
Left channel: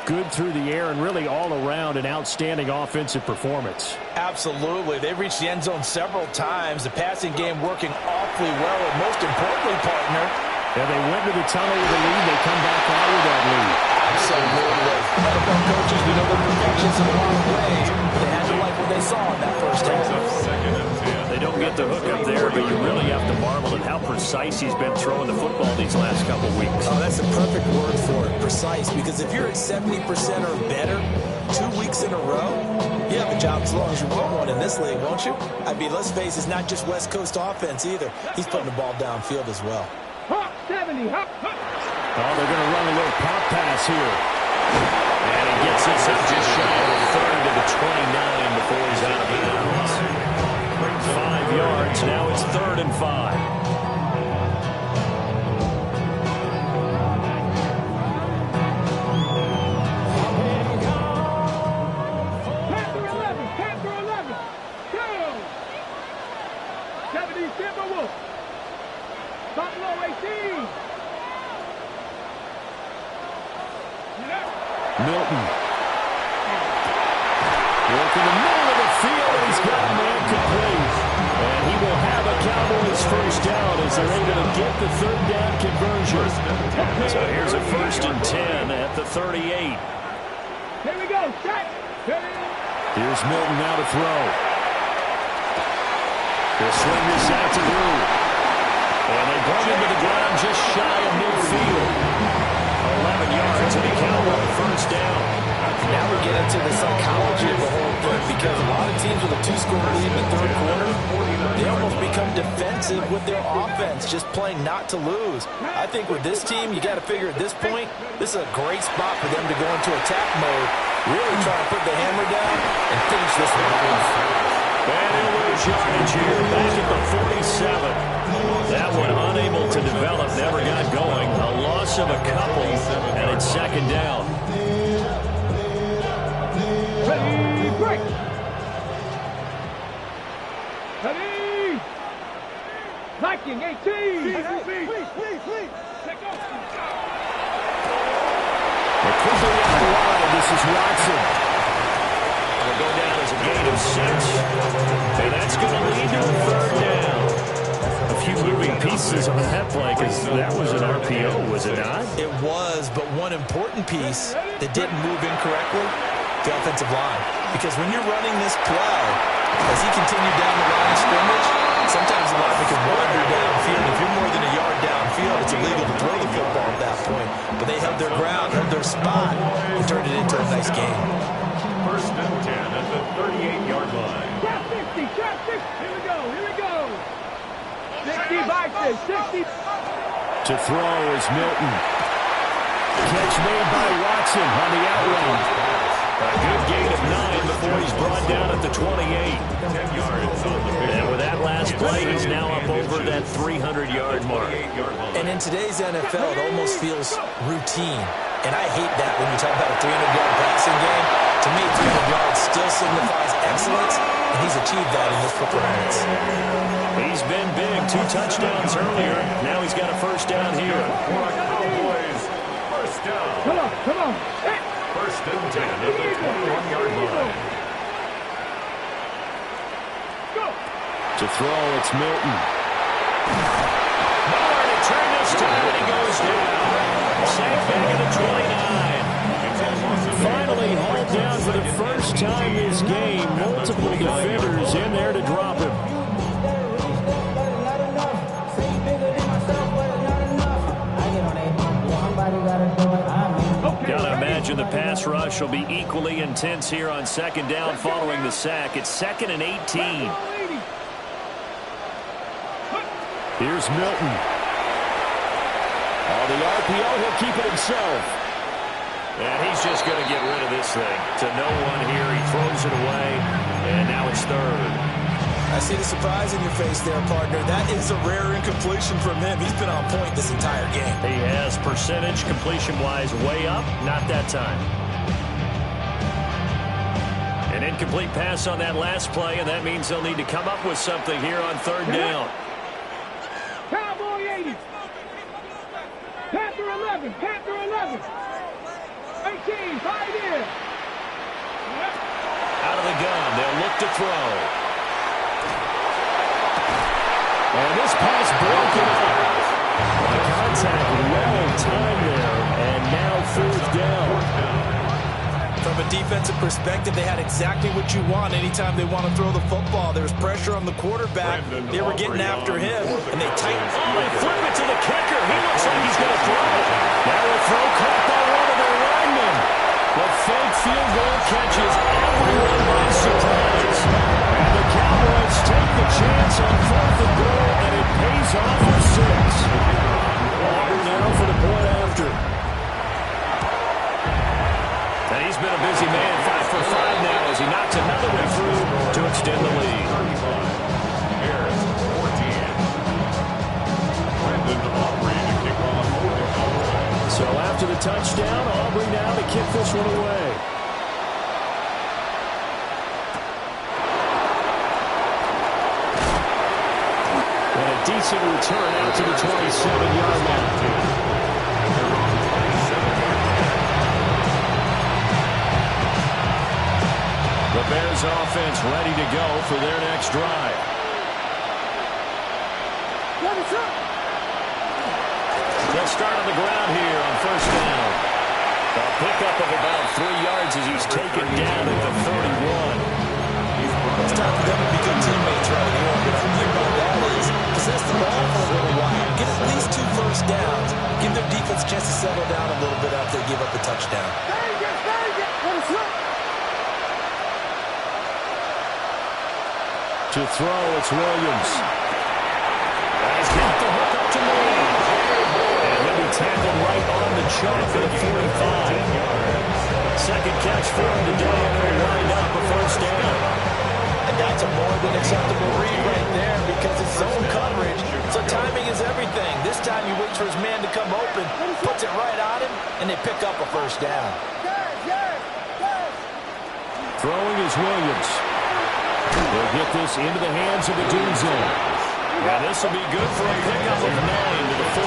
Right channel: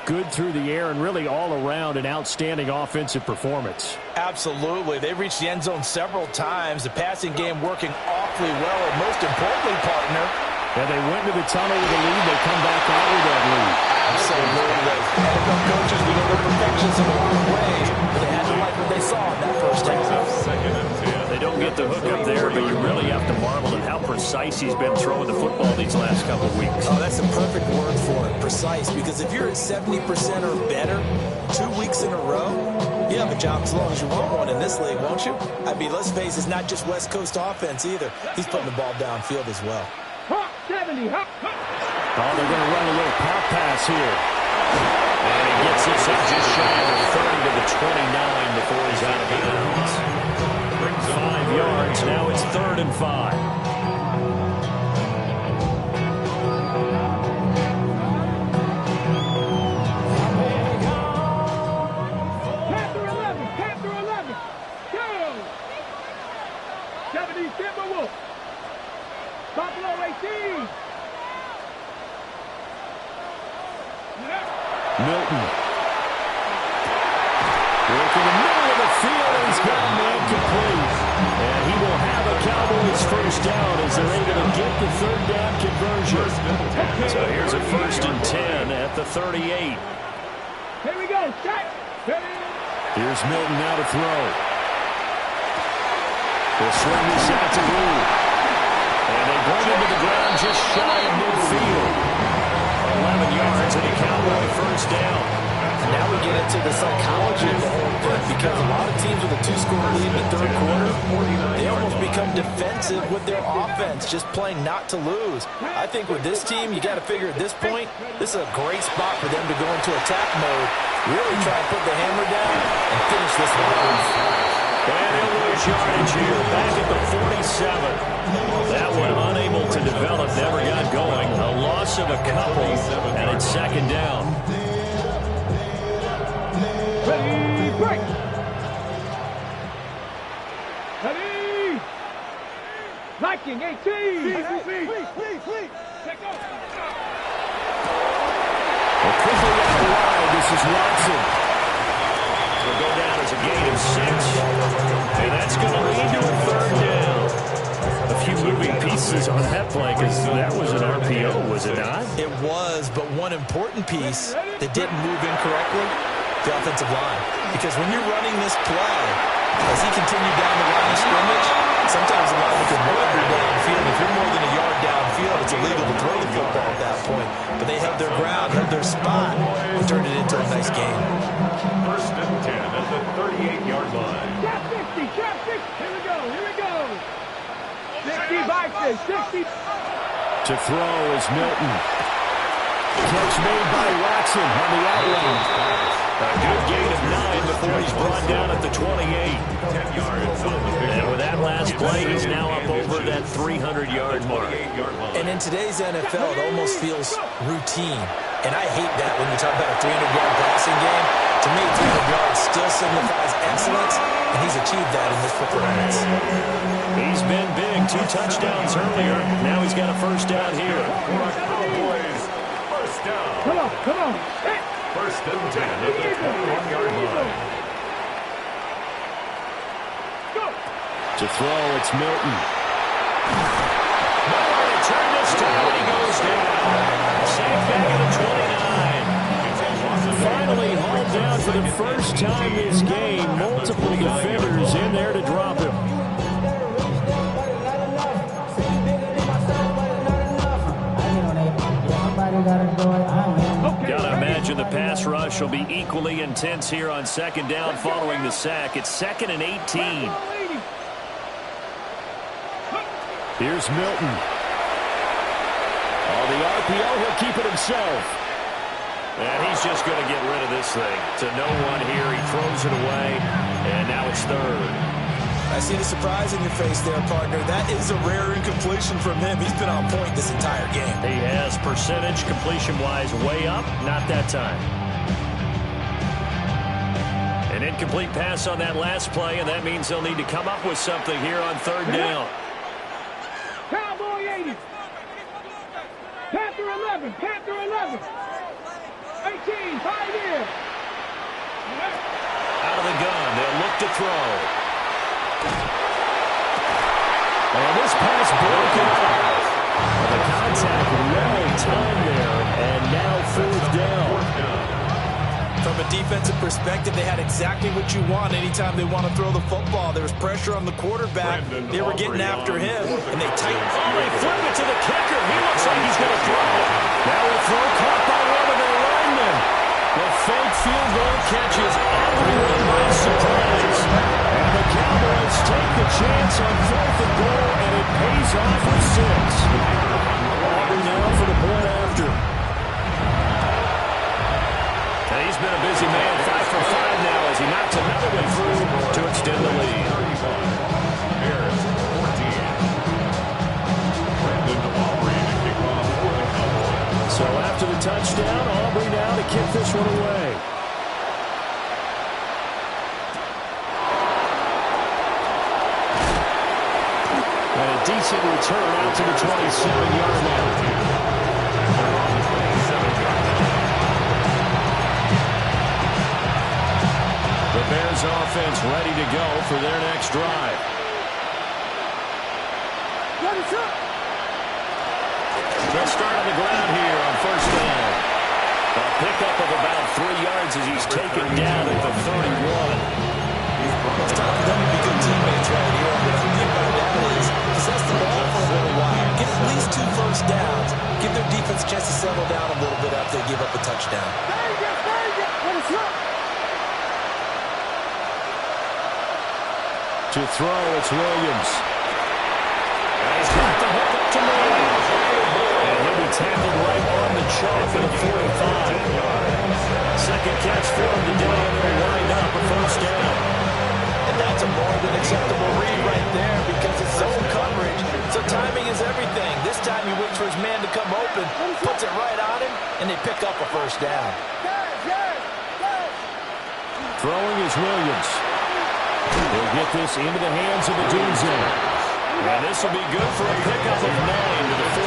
good through the air and really all around an outstanding offensive performance. Absolutely. They reached the end zone several times. The passing game working awfully well. And most importantly, partner, yeah, they went to the tunnel with a lead. They come back out with that lead. Absolutely. NFL coaches, we know they're perfectionists in a lot of ways, but they had to like what they saw in that first half. They don't get the hook up there, but you really have to marvel at how precise he's been throwing the football these last couple weeks. Oh, that's a perfect word for it, precise, because if you're at 70% or better 2 weeks in a row, you have a job as long as you want one in this league, won't you? I mean, let's face it, it's not just West Coast offense either. He's putting the ball downfield as well. Hop 70, hop. Oh, they're going to run a little pop pass here. And he gets this up just shy of the 30 to the 29 before he's out of bounds. 5 yards. Now it's 3rd and 5. Panther 11. Go. 70 Timberwolves. Buffalo 18. Milton. Work in the middle of the field, and he's got a man complete. And he will have a Cowboys first down as they're able to get the 3rd down conversion. So here's a 1st and 10 at the 38. Here we go. Set. Here's Milton now to throw. He'll swing this out to Blue. And they bring him to the ground just shy of midfield. 11 yards and a Cowboy first down. Now we get into the psychology of the whole thing, because a lot of teams with a 2-score lead in the 3rd quarter, they almost become defensive with their offense, just playing not to lose. I think with this team, you got to figure at this point, this is a great spot for them to go into attack mode, really try and put the hammer down and finish this one off. And he'll lose yardage here, back at the 47. That one unable to develop, never got going. A loss of a couple, and it's 2nd down. Ready, break. Ready. Viking 18. Please. Take off. Well, quickly out wide, this is Watson. It'll go down as a gain of 6. And that's going to lead to a 3rd down. A few moving pieces on that play, because that was an RPO, was it not? It was, but one important piece that didn't move incorrectly, the offensive line. Because when you're running this play, as he continued down the line of scrimmage, sometimes the lineman can wander downfield. If you're more than a yard downfield, it's illegal to throw the football at that point. But they held their ground, held their spot, and turned it into a nice game. 1st and 10 at the 38-yard line. Chap 60. Here we go. 60 Bison, 60. To throw is Milton. Catch made by Watson on the out route. A good gain of 9 before he's brought down at the 28. 10 yards on the big. And with that last play, he's now up over that 300-yard mark. And in today's NFL, it almost feels routine. And I hate that when you talk about a 300-yard passing game. To me, 300 yards still signifies excellence, and he's achieved that in this performance. He's been big, 2 touchdowns earlier. Now he's got a first down here. Cowboys, first down. Come on. Set. 1st and 10 at the 21-yard line. Go. To throw, it's Milton. Nowhere to turn this time, and he goes down. Sacked back at the 29. Finally hauled down for the first time this game. Multiple defenders in there to drop him. Gotta imagine the pass rush will be equally intense here on 2nd down following the sack. It's 2nd and 18. Here's Milton. Oh, the RPO, he'll keep it himself. And he's just going to get rid of this thing. To no one here, he throws it away, and now it's 3rd. I see the surprise in your face there, partner. That is a rare incompletion from him. He's been on point this entire game. He has percentage, completion-wise, way up. Not that time. An incomplete pass on that last play, and that means they'll need to come up with something here on third down. Cowboy 80. Panther 11. Panther 11. 18. 5 in. Out of the gun, they'll look to throw. And this pass broken up. The contact well timed there, and now fourth down. From a defensive perspective, they had exactly what you want anytime they want to throw the football. There was pressure on the quarterback. They were getting after him, and they tightened. Oh, they flip it to the kicker. He looks like he's going to throw it. Now a throw caught by one of their linemen. The fake field goal catches everyone by surprise. And the Cowboys take the chance on 4th and goal, and it pays off with 6. Auburn now for the point after. And he's been a busy man, 5 for 5 now as he knocks another one through to extend the lead. 35. Bears 14. Brandon Aubrey to kick off for the Cowboys. So after the touchdown, Aubrey now to kick this one away. And a decent return out to the 27-yard line. They're on the 27-yard line. The Bears offense ready to go for their next drive. They'll start on the ground here on first down. A pickup of about 3 yards as he's taken down at the 31. It's time for them to be good teammates right here. What I mean by that is possess the ball for a little while. Get at least 2 first downs. Give their defense a chance to settle down a little bit after they give up a touchdown. To throw, it's Williams. And he's got the hook up to Moore. And he'll be tackled right on the chalk for the 45. Second catch for him today, and it'll wind up a first down. And that's a more than acceptable read right there because it's zone coverage. So timing is everything. This time he waits for his man to come open, puts it right on him, and they pick up a first down. Throwing is Williams. He'll get this into the hands of Odunze. And this will be good for a pickup of 9 to the 46.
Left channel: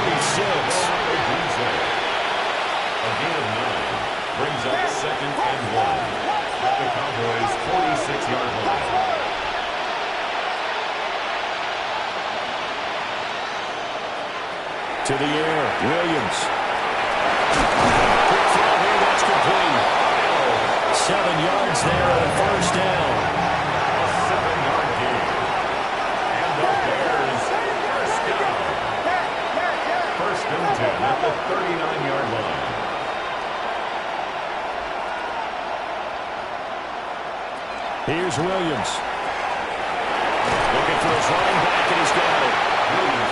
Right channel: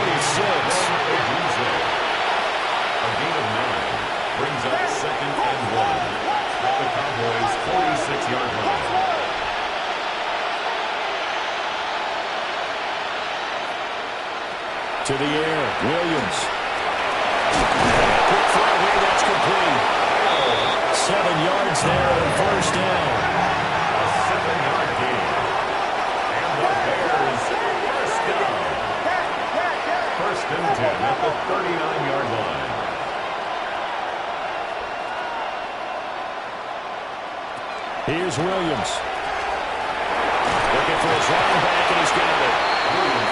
A gain of 9 brings up 2nd and 1 at the Cowboys' 46-yard line. To the air, Williams. Quick throw here, that's complete. 7 yards there on first down. A 7-yard gain. And the Bears first down. 1st and 10 at the 39-yard line. Here's Williams. Looking for his running back, and he's got it.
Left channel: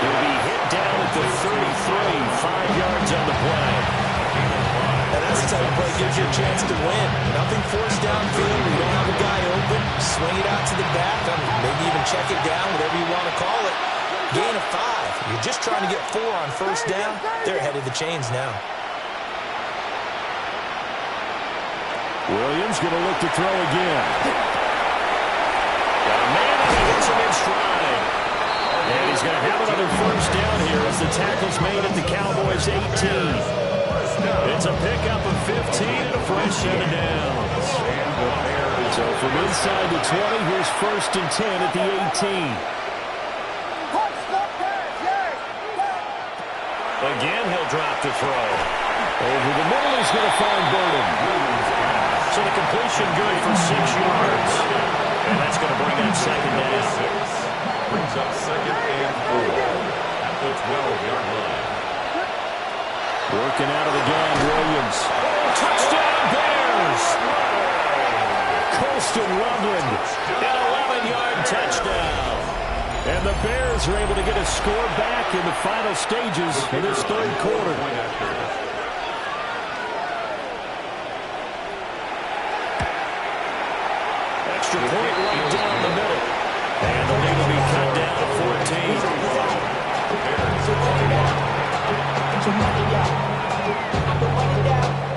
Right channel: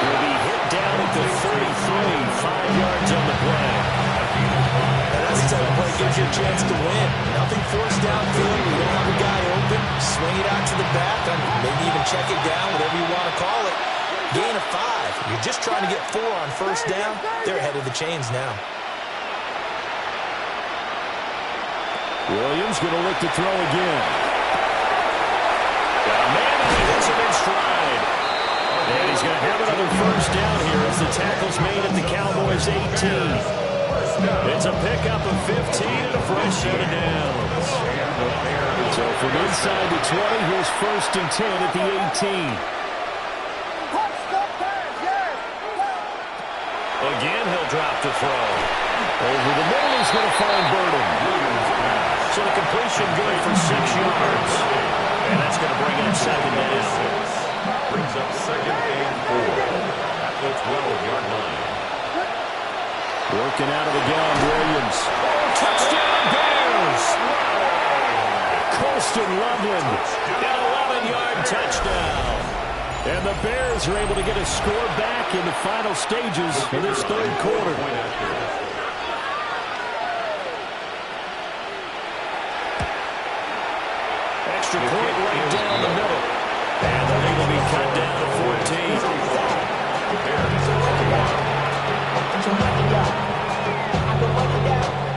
He'll be hit down at the 33, 5 yards on the play. And that's the type of play gives you a chance to win. Nothing forced downfield. You don't have a guy open. Swing it out to the back. Maybe even check it down, whatever you want to call it. Gain of 5. You're just trying to get 4 on first down. They're ahead of the chains now. Williams going to look to throw again. Got a man, and he hits him in stride. And he's going to have another first down here as the tackle's made at the Cowboys' 18. It's a pickup of 15 and a fresh set of downs. So from inside the 20, here's 1st and 10 at the 18. Again, he'll drop to throw. Over the middle, he's going to find Burden. So the completion good for 6 yards. And that's going to bring up 2nd down. Brings up 2nd and 4 at the 12-yard line. Working out of the gun, Williams. Oh, touchdown Bears! Colston Loveland. An 11-yard touchdown. And the Bears are able to get a score back in the final stages of this 3rd quarter. Extra point right down the middle. And the lead will be cut down to 14.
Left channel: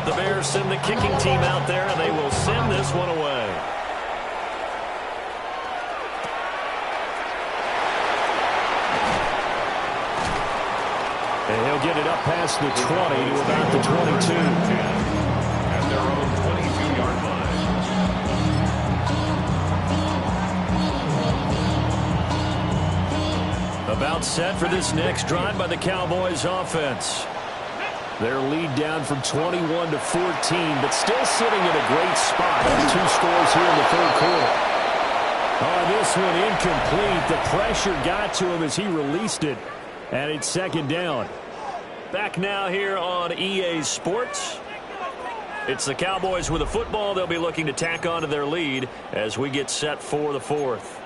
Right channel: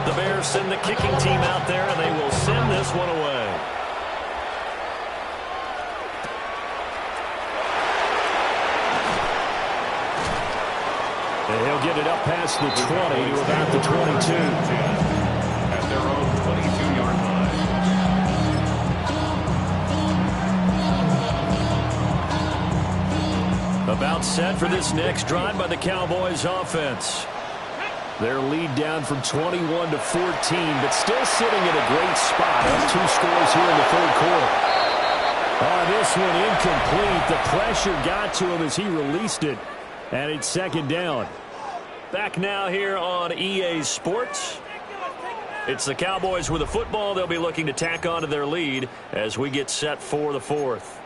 The Bears send the kicking team out there, and they will send this one away. And he'll get it up past the 20 to about the 22. At their own 22-yard line. About set for this next drive by the Cowboys offense. Their lead down from 21 to 14, but still sitting in a great spot. Up 2 scores here in the third quarter. Oh, this one incomplete. The pressure got to him as he released it, and it's second down. Back now here on EA Sports. It's the Cowboys with the football. They'll be looking to tack on to their lead as we get set for the fourth.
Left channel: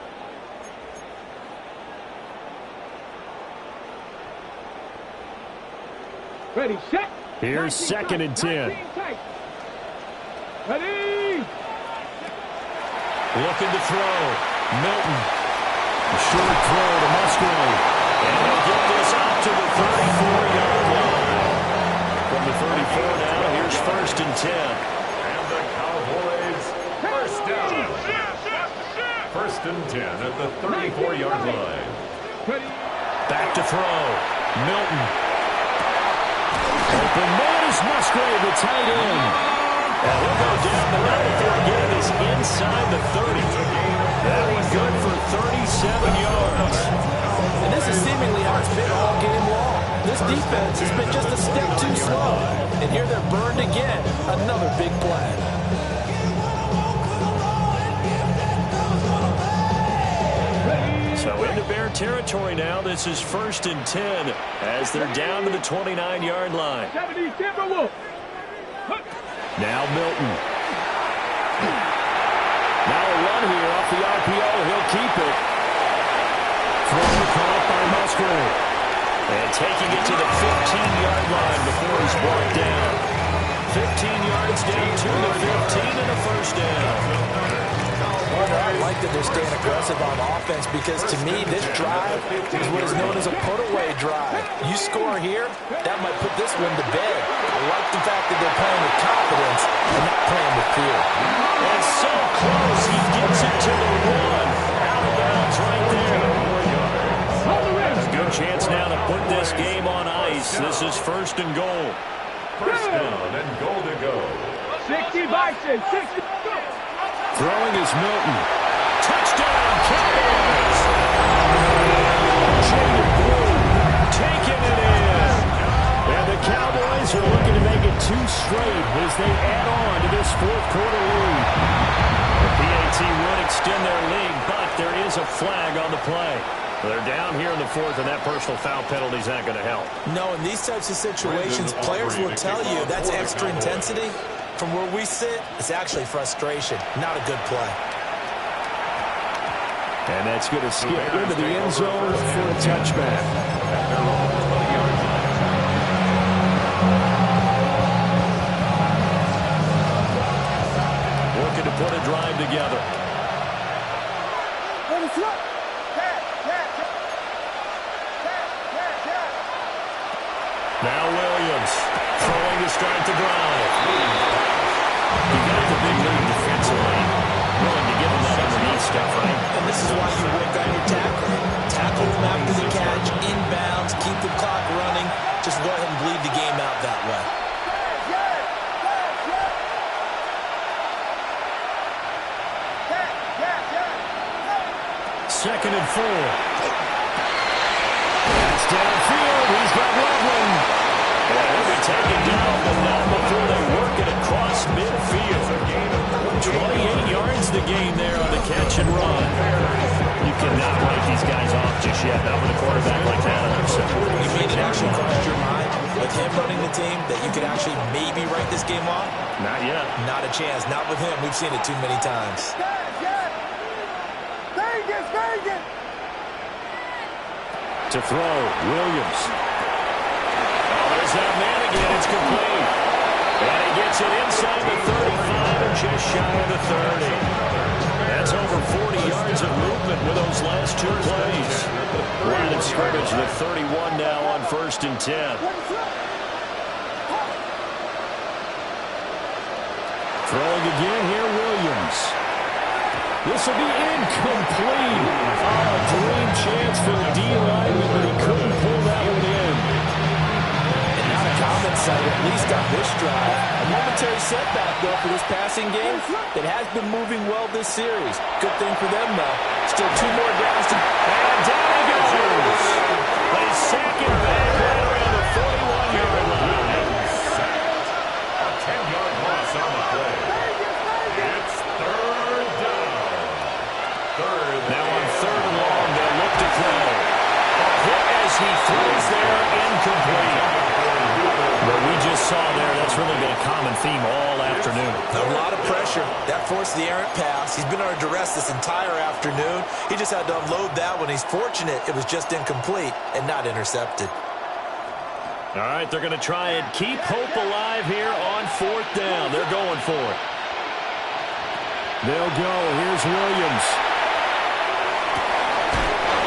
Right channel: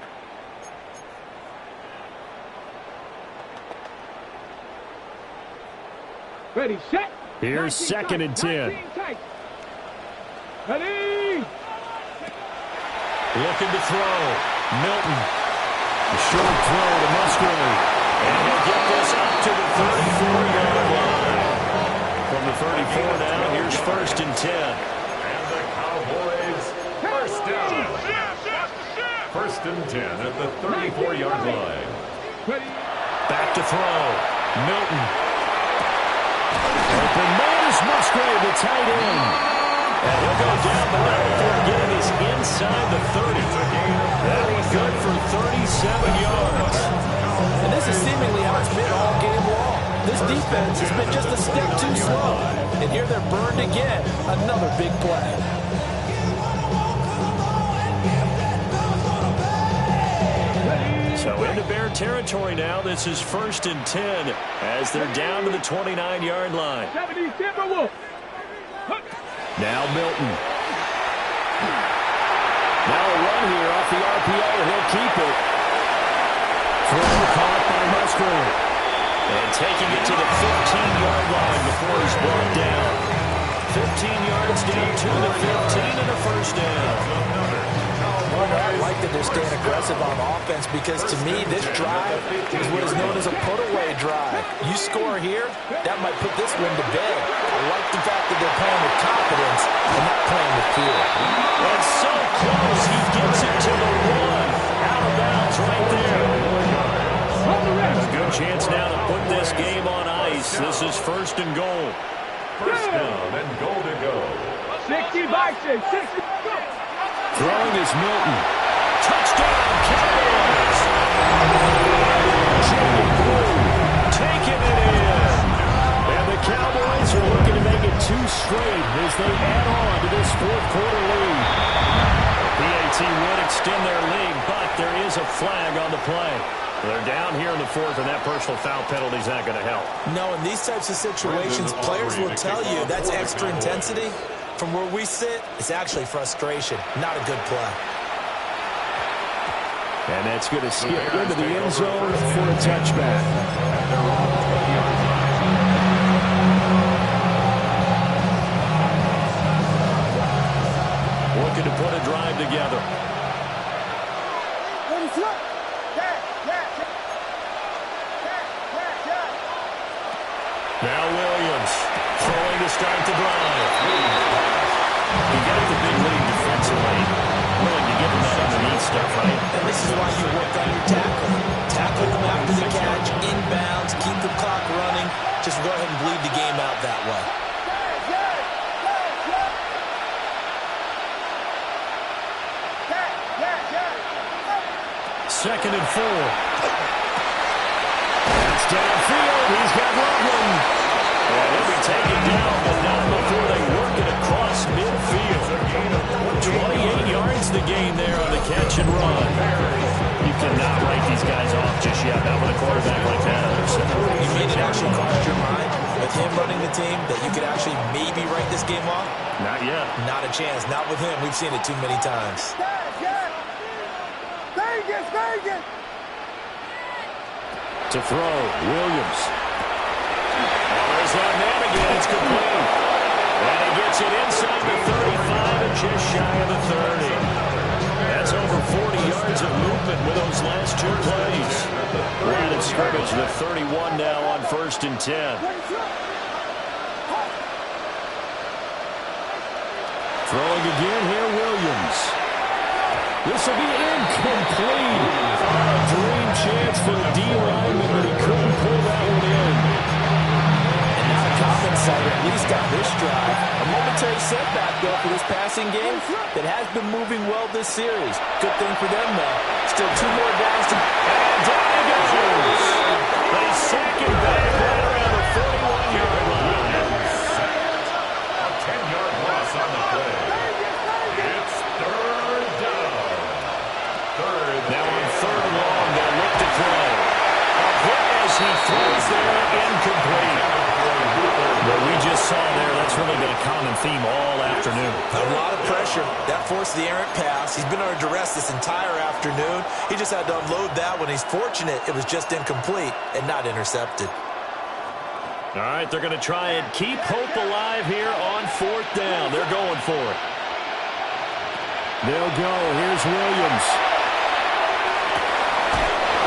Ready, set. Here's second and 10. Ready. Looking to throw. Milton. A short throw to Musgrave. And he'll get this up to the 34-yard line. From the 34 now, here's first and 10. And the Cowboys first down. First and 10 at the 34-yard line. Back to throw. Milton. Open man is Musgrave, the tight end. And he'll go down, but not before getting this inside the 30. That was good for 37 yards. And this is seemingly how it's been all game long. This defense has been just a step too slow. And here they're burned again. Another big play. So into Bear territory now. This is first and 10 as they're down to the 29-yard line. Now Milton. Now a run here off the RPO. He'll keep it. Throw caught by Musgrave. And taking it to the 15-yard line before he's brought down. 15 yards down to the 15 and a first down. I like that they're staying aggressive on offense because, to me, this drive is what is known as a put-away drive. You score here, that might put this one to bed. I like the fact that they're playing with confidence and not playing with fear. And so close, he gets it to the 1. Out of bounds right there. A good chance now to put this game on ice. This is first and goal. First down and goal to go. 60 boxes, 60. Throwing is Milton. Touchdown, Cowboys! Jaden Blue taking it in. And the Cowboys are looking to make it 2 straight as they add on to this fourth quarter lead. The PAT would extend their lead, but there is a flag on the play. They're down here in the fourth, and that personal foul penalty is not going to help. No, in these types of situations, players will tell you that's extra intensity. From where we sit, it's actually frustration, not a good play. And that's going to skip into the end zone for a touchback. At their own 20-yard line. Looking to put a drive together. Now Williams throwing to start the drive. He got the big lead defensively. Willing to give him that underneath stuff, right? And this is why you work on your tackling. Tackle them after the catch, inbounds, keep the clock running. Just go ahead and bleed the game out that way. Second and 4. That's downfield. He's got Loveland. And he'll be taken down, but not before they work it across midfield. 28 yards the gain there on the catch and run. You cannot write these guys off just yet, not with a quarterback like that on their side. You mean it actually crossed your mind with him running the team that you could actually maybe write this game off? Not yet. Not a chance. Not with him. We've seen it too many times. Vegas! To throw, Williams. Oh, there's that man again. It's complete. And he gets it inside the 35 and just shy of the 30. That's over 40 yards of movement with those last 2 plays. Line of scrimmage, the 31 now on first and 10. Throwing again here, Williams. This will be incomplete. Oh, a dream chance for a D lineman, but he couldn't pull that one in. excited, at least on this drive. A momentary setback, though, for this passing game that has been moving well this series. Good thing for them, though. Still 2 more downs to... And down he goes. They sack it back right around the 41-yard line. A 10-yard loss on the play. It's third down. Now on 3rd and long, they'll look to throw. A hit as he throws there, incomplete. What we just saw there, that's really been a common theme all afternoon. A lot of pressure. That forced the errant pass. He's been under duress this entire afternoon. He just had to unload that one. He's fortunate it was just incomplete and not intercepted. All right, they're going to try and keep hope alive here on 4th down. They're going for it. They'll go. Here's Williams.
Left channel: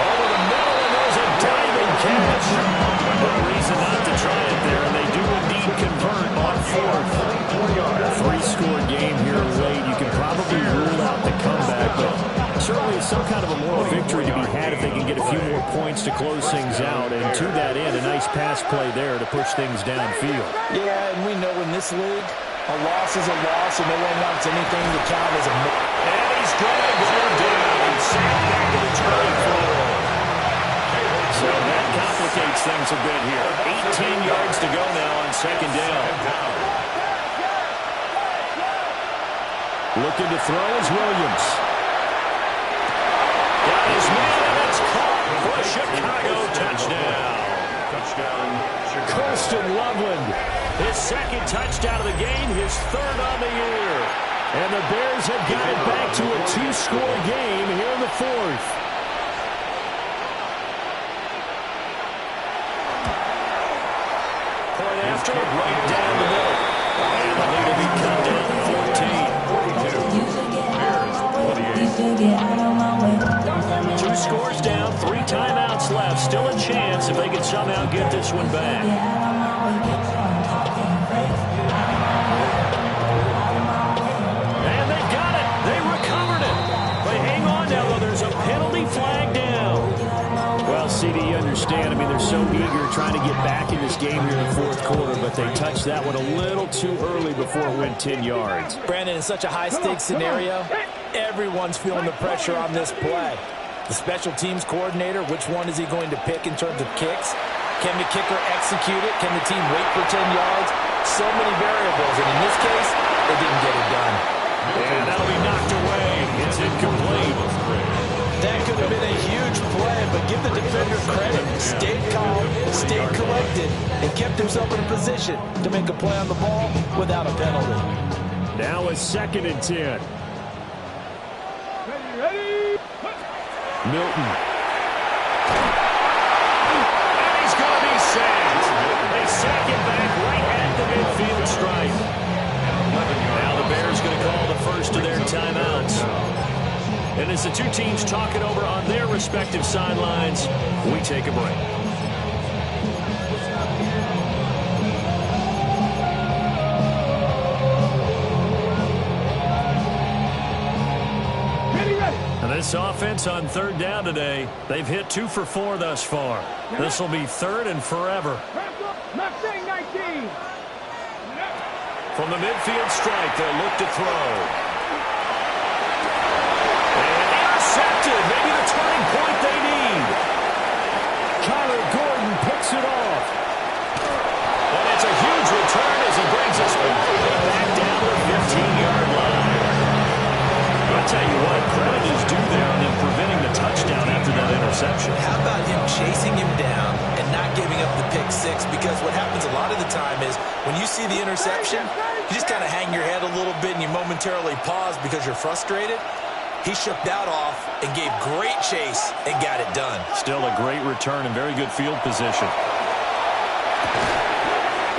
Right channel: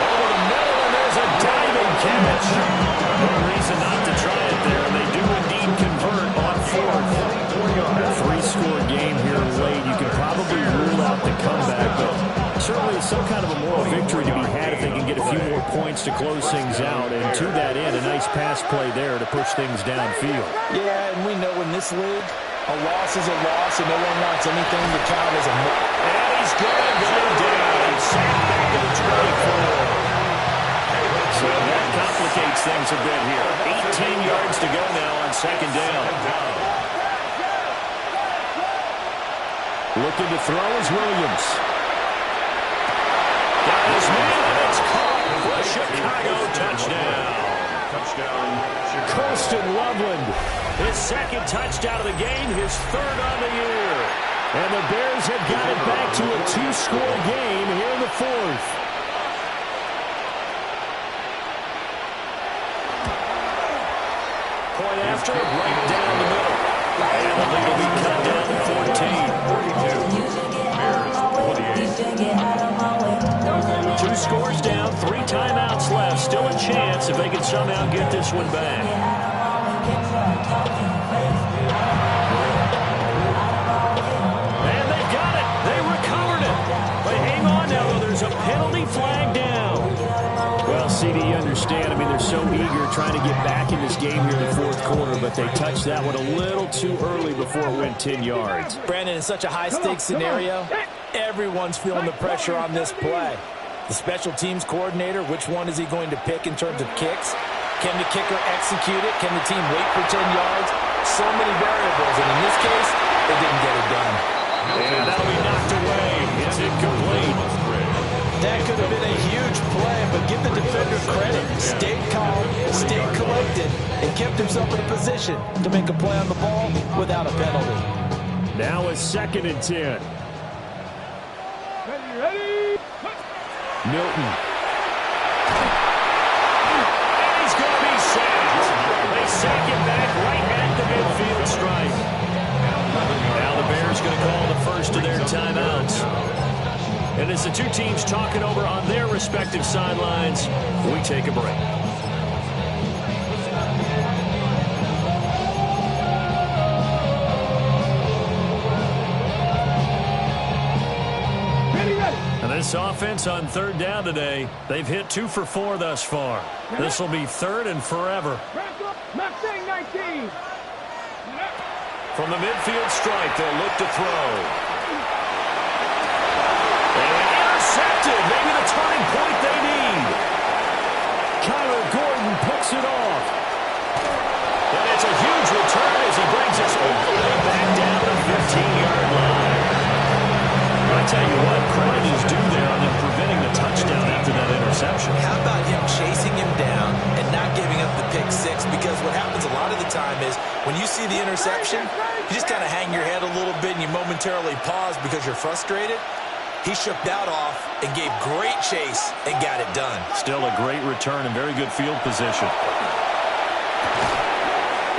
Over the middle, and there's a diving catch. No reason not to try it there, and they do indeed convert on 4th. A 3-score game here late. You can probably rule out the comeback, but certainly some kind of a moral victory to be had if they can get a few more points to close things out. And to that end, a nice pass play there to push things downfield. Yeah, and we know in this league, a loss is a loss, and no one wants anything to count as a... And he's going to go down. He's sacked back at the 24. So that complicates things a bit here. 18 yards to go now on 2nd down. Looking to throw is Williams. Got his man, and it's caught for a Chicago touchdown. Chicago. Colston Loveland. His 2nd touchdown of the game, his 3rd on the year. And the Bears have got it back to a 2-score game here in the 4th. Point after, right down the middle. And the lead will be cut down to 14. 2 scores down, 3 timeouts left. Still a chance if they can somehow get this one back. And they've got it. They recovered it. They hang on now, though. There's a penalty flag down. Well, CD, you understand. I mean, they're so eager trying to get back in this game here in the 4th quarter, but they touched that one a little too early before it went 10 yards. Brandon, in such a high-stakes scenario, everyone's feeling the pressure on this play. The special teams coordinator, which one is he going to pick in terms of kicks? Can the kicker execute it? Can the team wait for 10 yards? So many variables, and in this case, they didn't get it done. And that'll be knocked away. It's incomplete. That could have been a huge play, but give the defender credit. Stayed calm, stayed collected, and kept himself in a position to make a play on the ball without a penalty. Now a 2nd and 10. Ready? Milton. And he's going to be sacked. They sack him back right at the midfield stripe. Now the Bears going to call the first of their timeouts. And as the 2 teams talk it over on their respective sidelines, we take a break. And this offense on 3rd down today, they've hit 2 for 4 thus far. This will be 3rd and forever. Mustang 19. From the midfield stripe, they'll look to throw. And intercepted. Maybe the turning point they need. Kyler Gordon picks it off. And it's a huge return as he brings us all the way back down to the 15-yard line. I'll tell you what, credit is due there on them preventing the touchdown after that interception. How about him chasing him down and not giving up the pick 6? Because what happens a lot of the time is when you see the interception, you just kind of hang your head a little bit and you momentarily pause because you're frustrated. He shook that off and gave great chase and got it done. Still a great return and very good field position.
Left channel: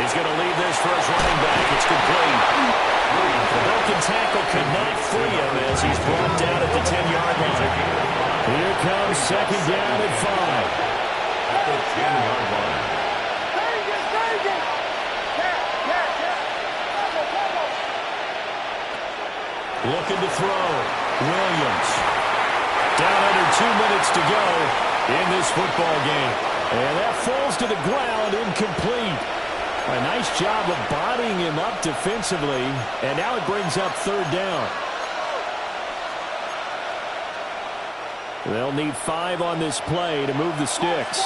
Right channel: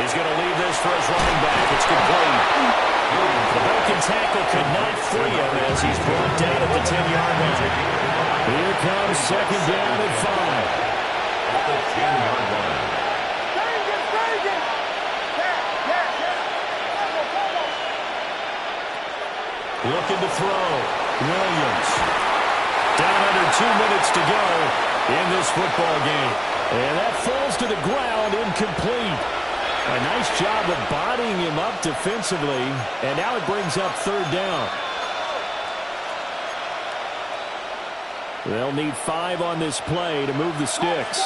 He's going to leave this for his running back. It's complete. The broken tackle could not free him as he's brought down at the 10-yard line. Here comes 2nd down at 5. At the 10-yard line. Looking to throw. Williams. Down under 2 minutes to go in this football game. And that falls to the ground, incomplete. A nice job of bodying him up defensively, and now it brings up third down. They'll need 5 on this play to move the sticks.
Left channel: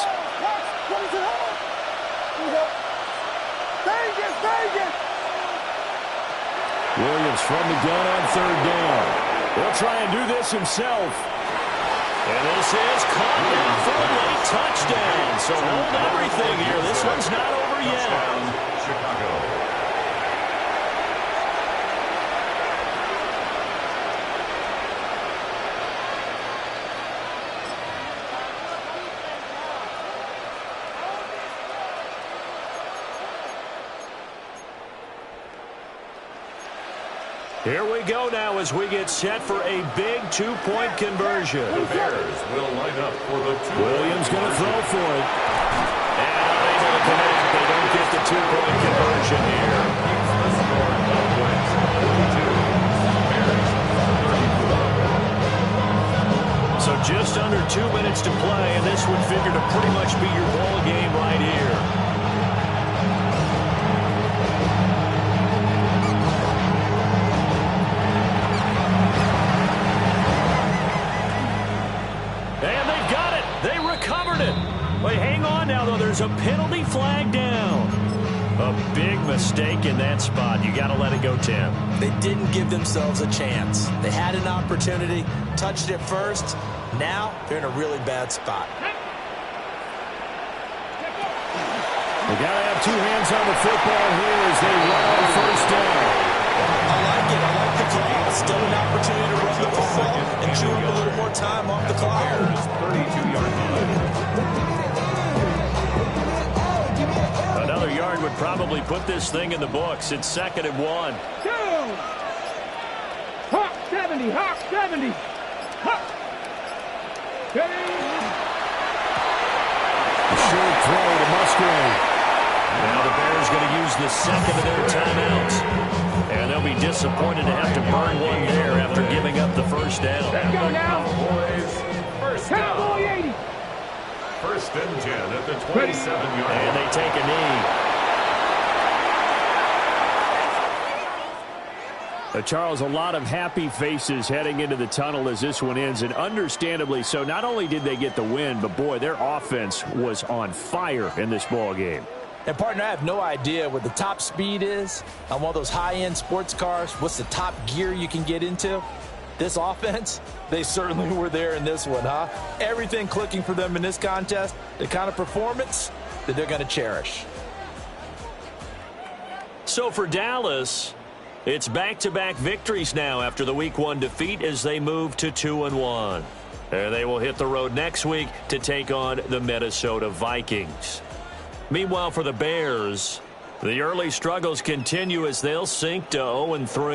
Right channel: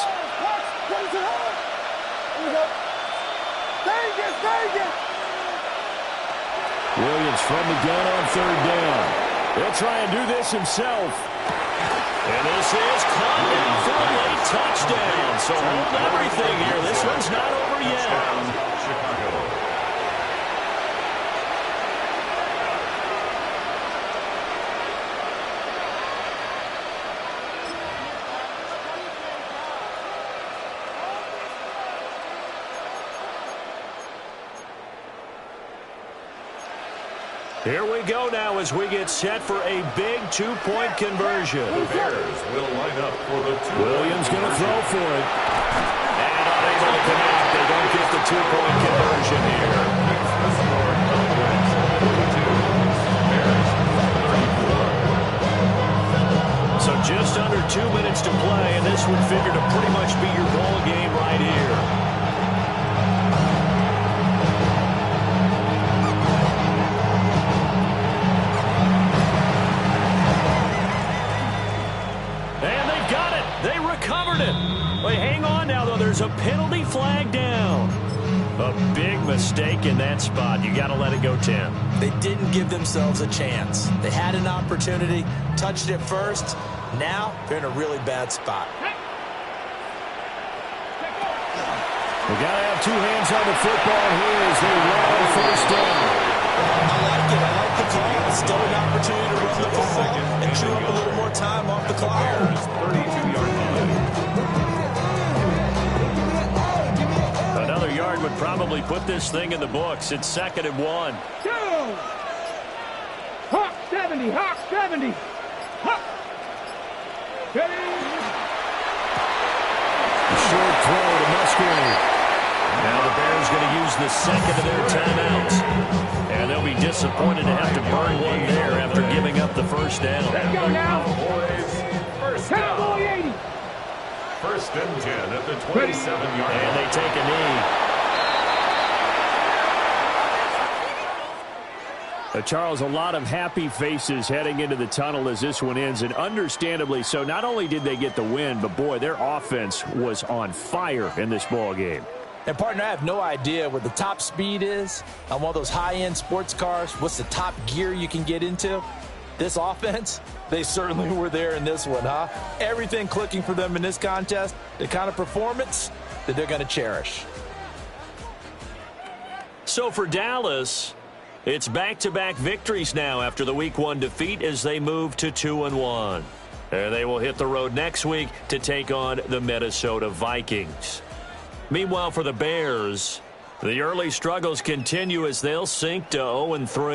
Williams from the gun on third down. He'll try and do this himself. And this is caught down for a late touchdown. So hold everything here. This one's not over yet. Chicago. Here we go now as we get set for a big 2-point conversion. The Bears will line up for the 2-point Williams going to throw for it. And unable to connect. They don't get the 2-point conversion here. Keeps the score. Cowboys 42. Bears 34. So just under 2 minutes to play, and this would figure to pretty much be your ball game right here. Covered it. Wait, hang on now, though. There's a penalty flag down. A big mistake in that spot. You got to let it go, Tim. They didn't give themselves a chance. They had an opportunity, touched it first. Now they're in a really bad spot. They got to have 2 hands on the football here as they run on first down. I like it. I like the call. Still an opportunity to run the football and chew up a little more time off the clock. 32-yard line. Another yard would probably put this thing in the books. It's 2nd and 1. Go! Hawk 70, Hawk 70. Hawk. A short throw to Musgrave. Now the Bears going to use the second of their timeouts. And they'll be disappointed to have to burn one there after giving up the first down. Let's go now. Cowboys first Cowboy down. 80. 1st and 10 at the 27-yard line. And they take a knee. Charles, a lot of happy faces heading into the tunnel as this one ends, and understandably so. Not only did they get the win, but, boy, their offense was on fire in this ball game. And, partner, I have no idea what the top speed is on one of those high-end sports cars. What's the top gear you can get into? This offense, they certainly were there in this one, huh? Everything clicking for them in this contest, the kind of performance that they're going to cherish. So for Dallas, it's back-to-back victories now after the Week 1 defeat as they move to 2-1. And they will hit the road next week to take on the Minnesota Vikings. Meanwhile, for the Bears, the early struggles continue as they'll sink to 0-3.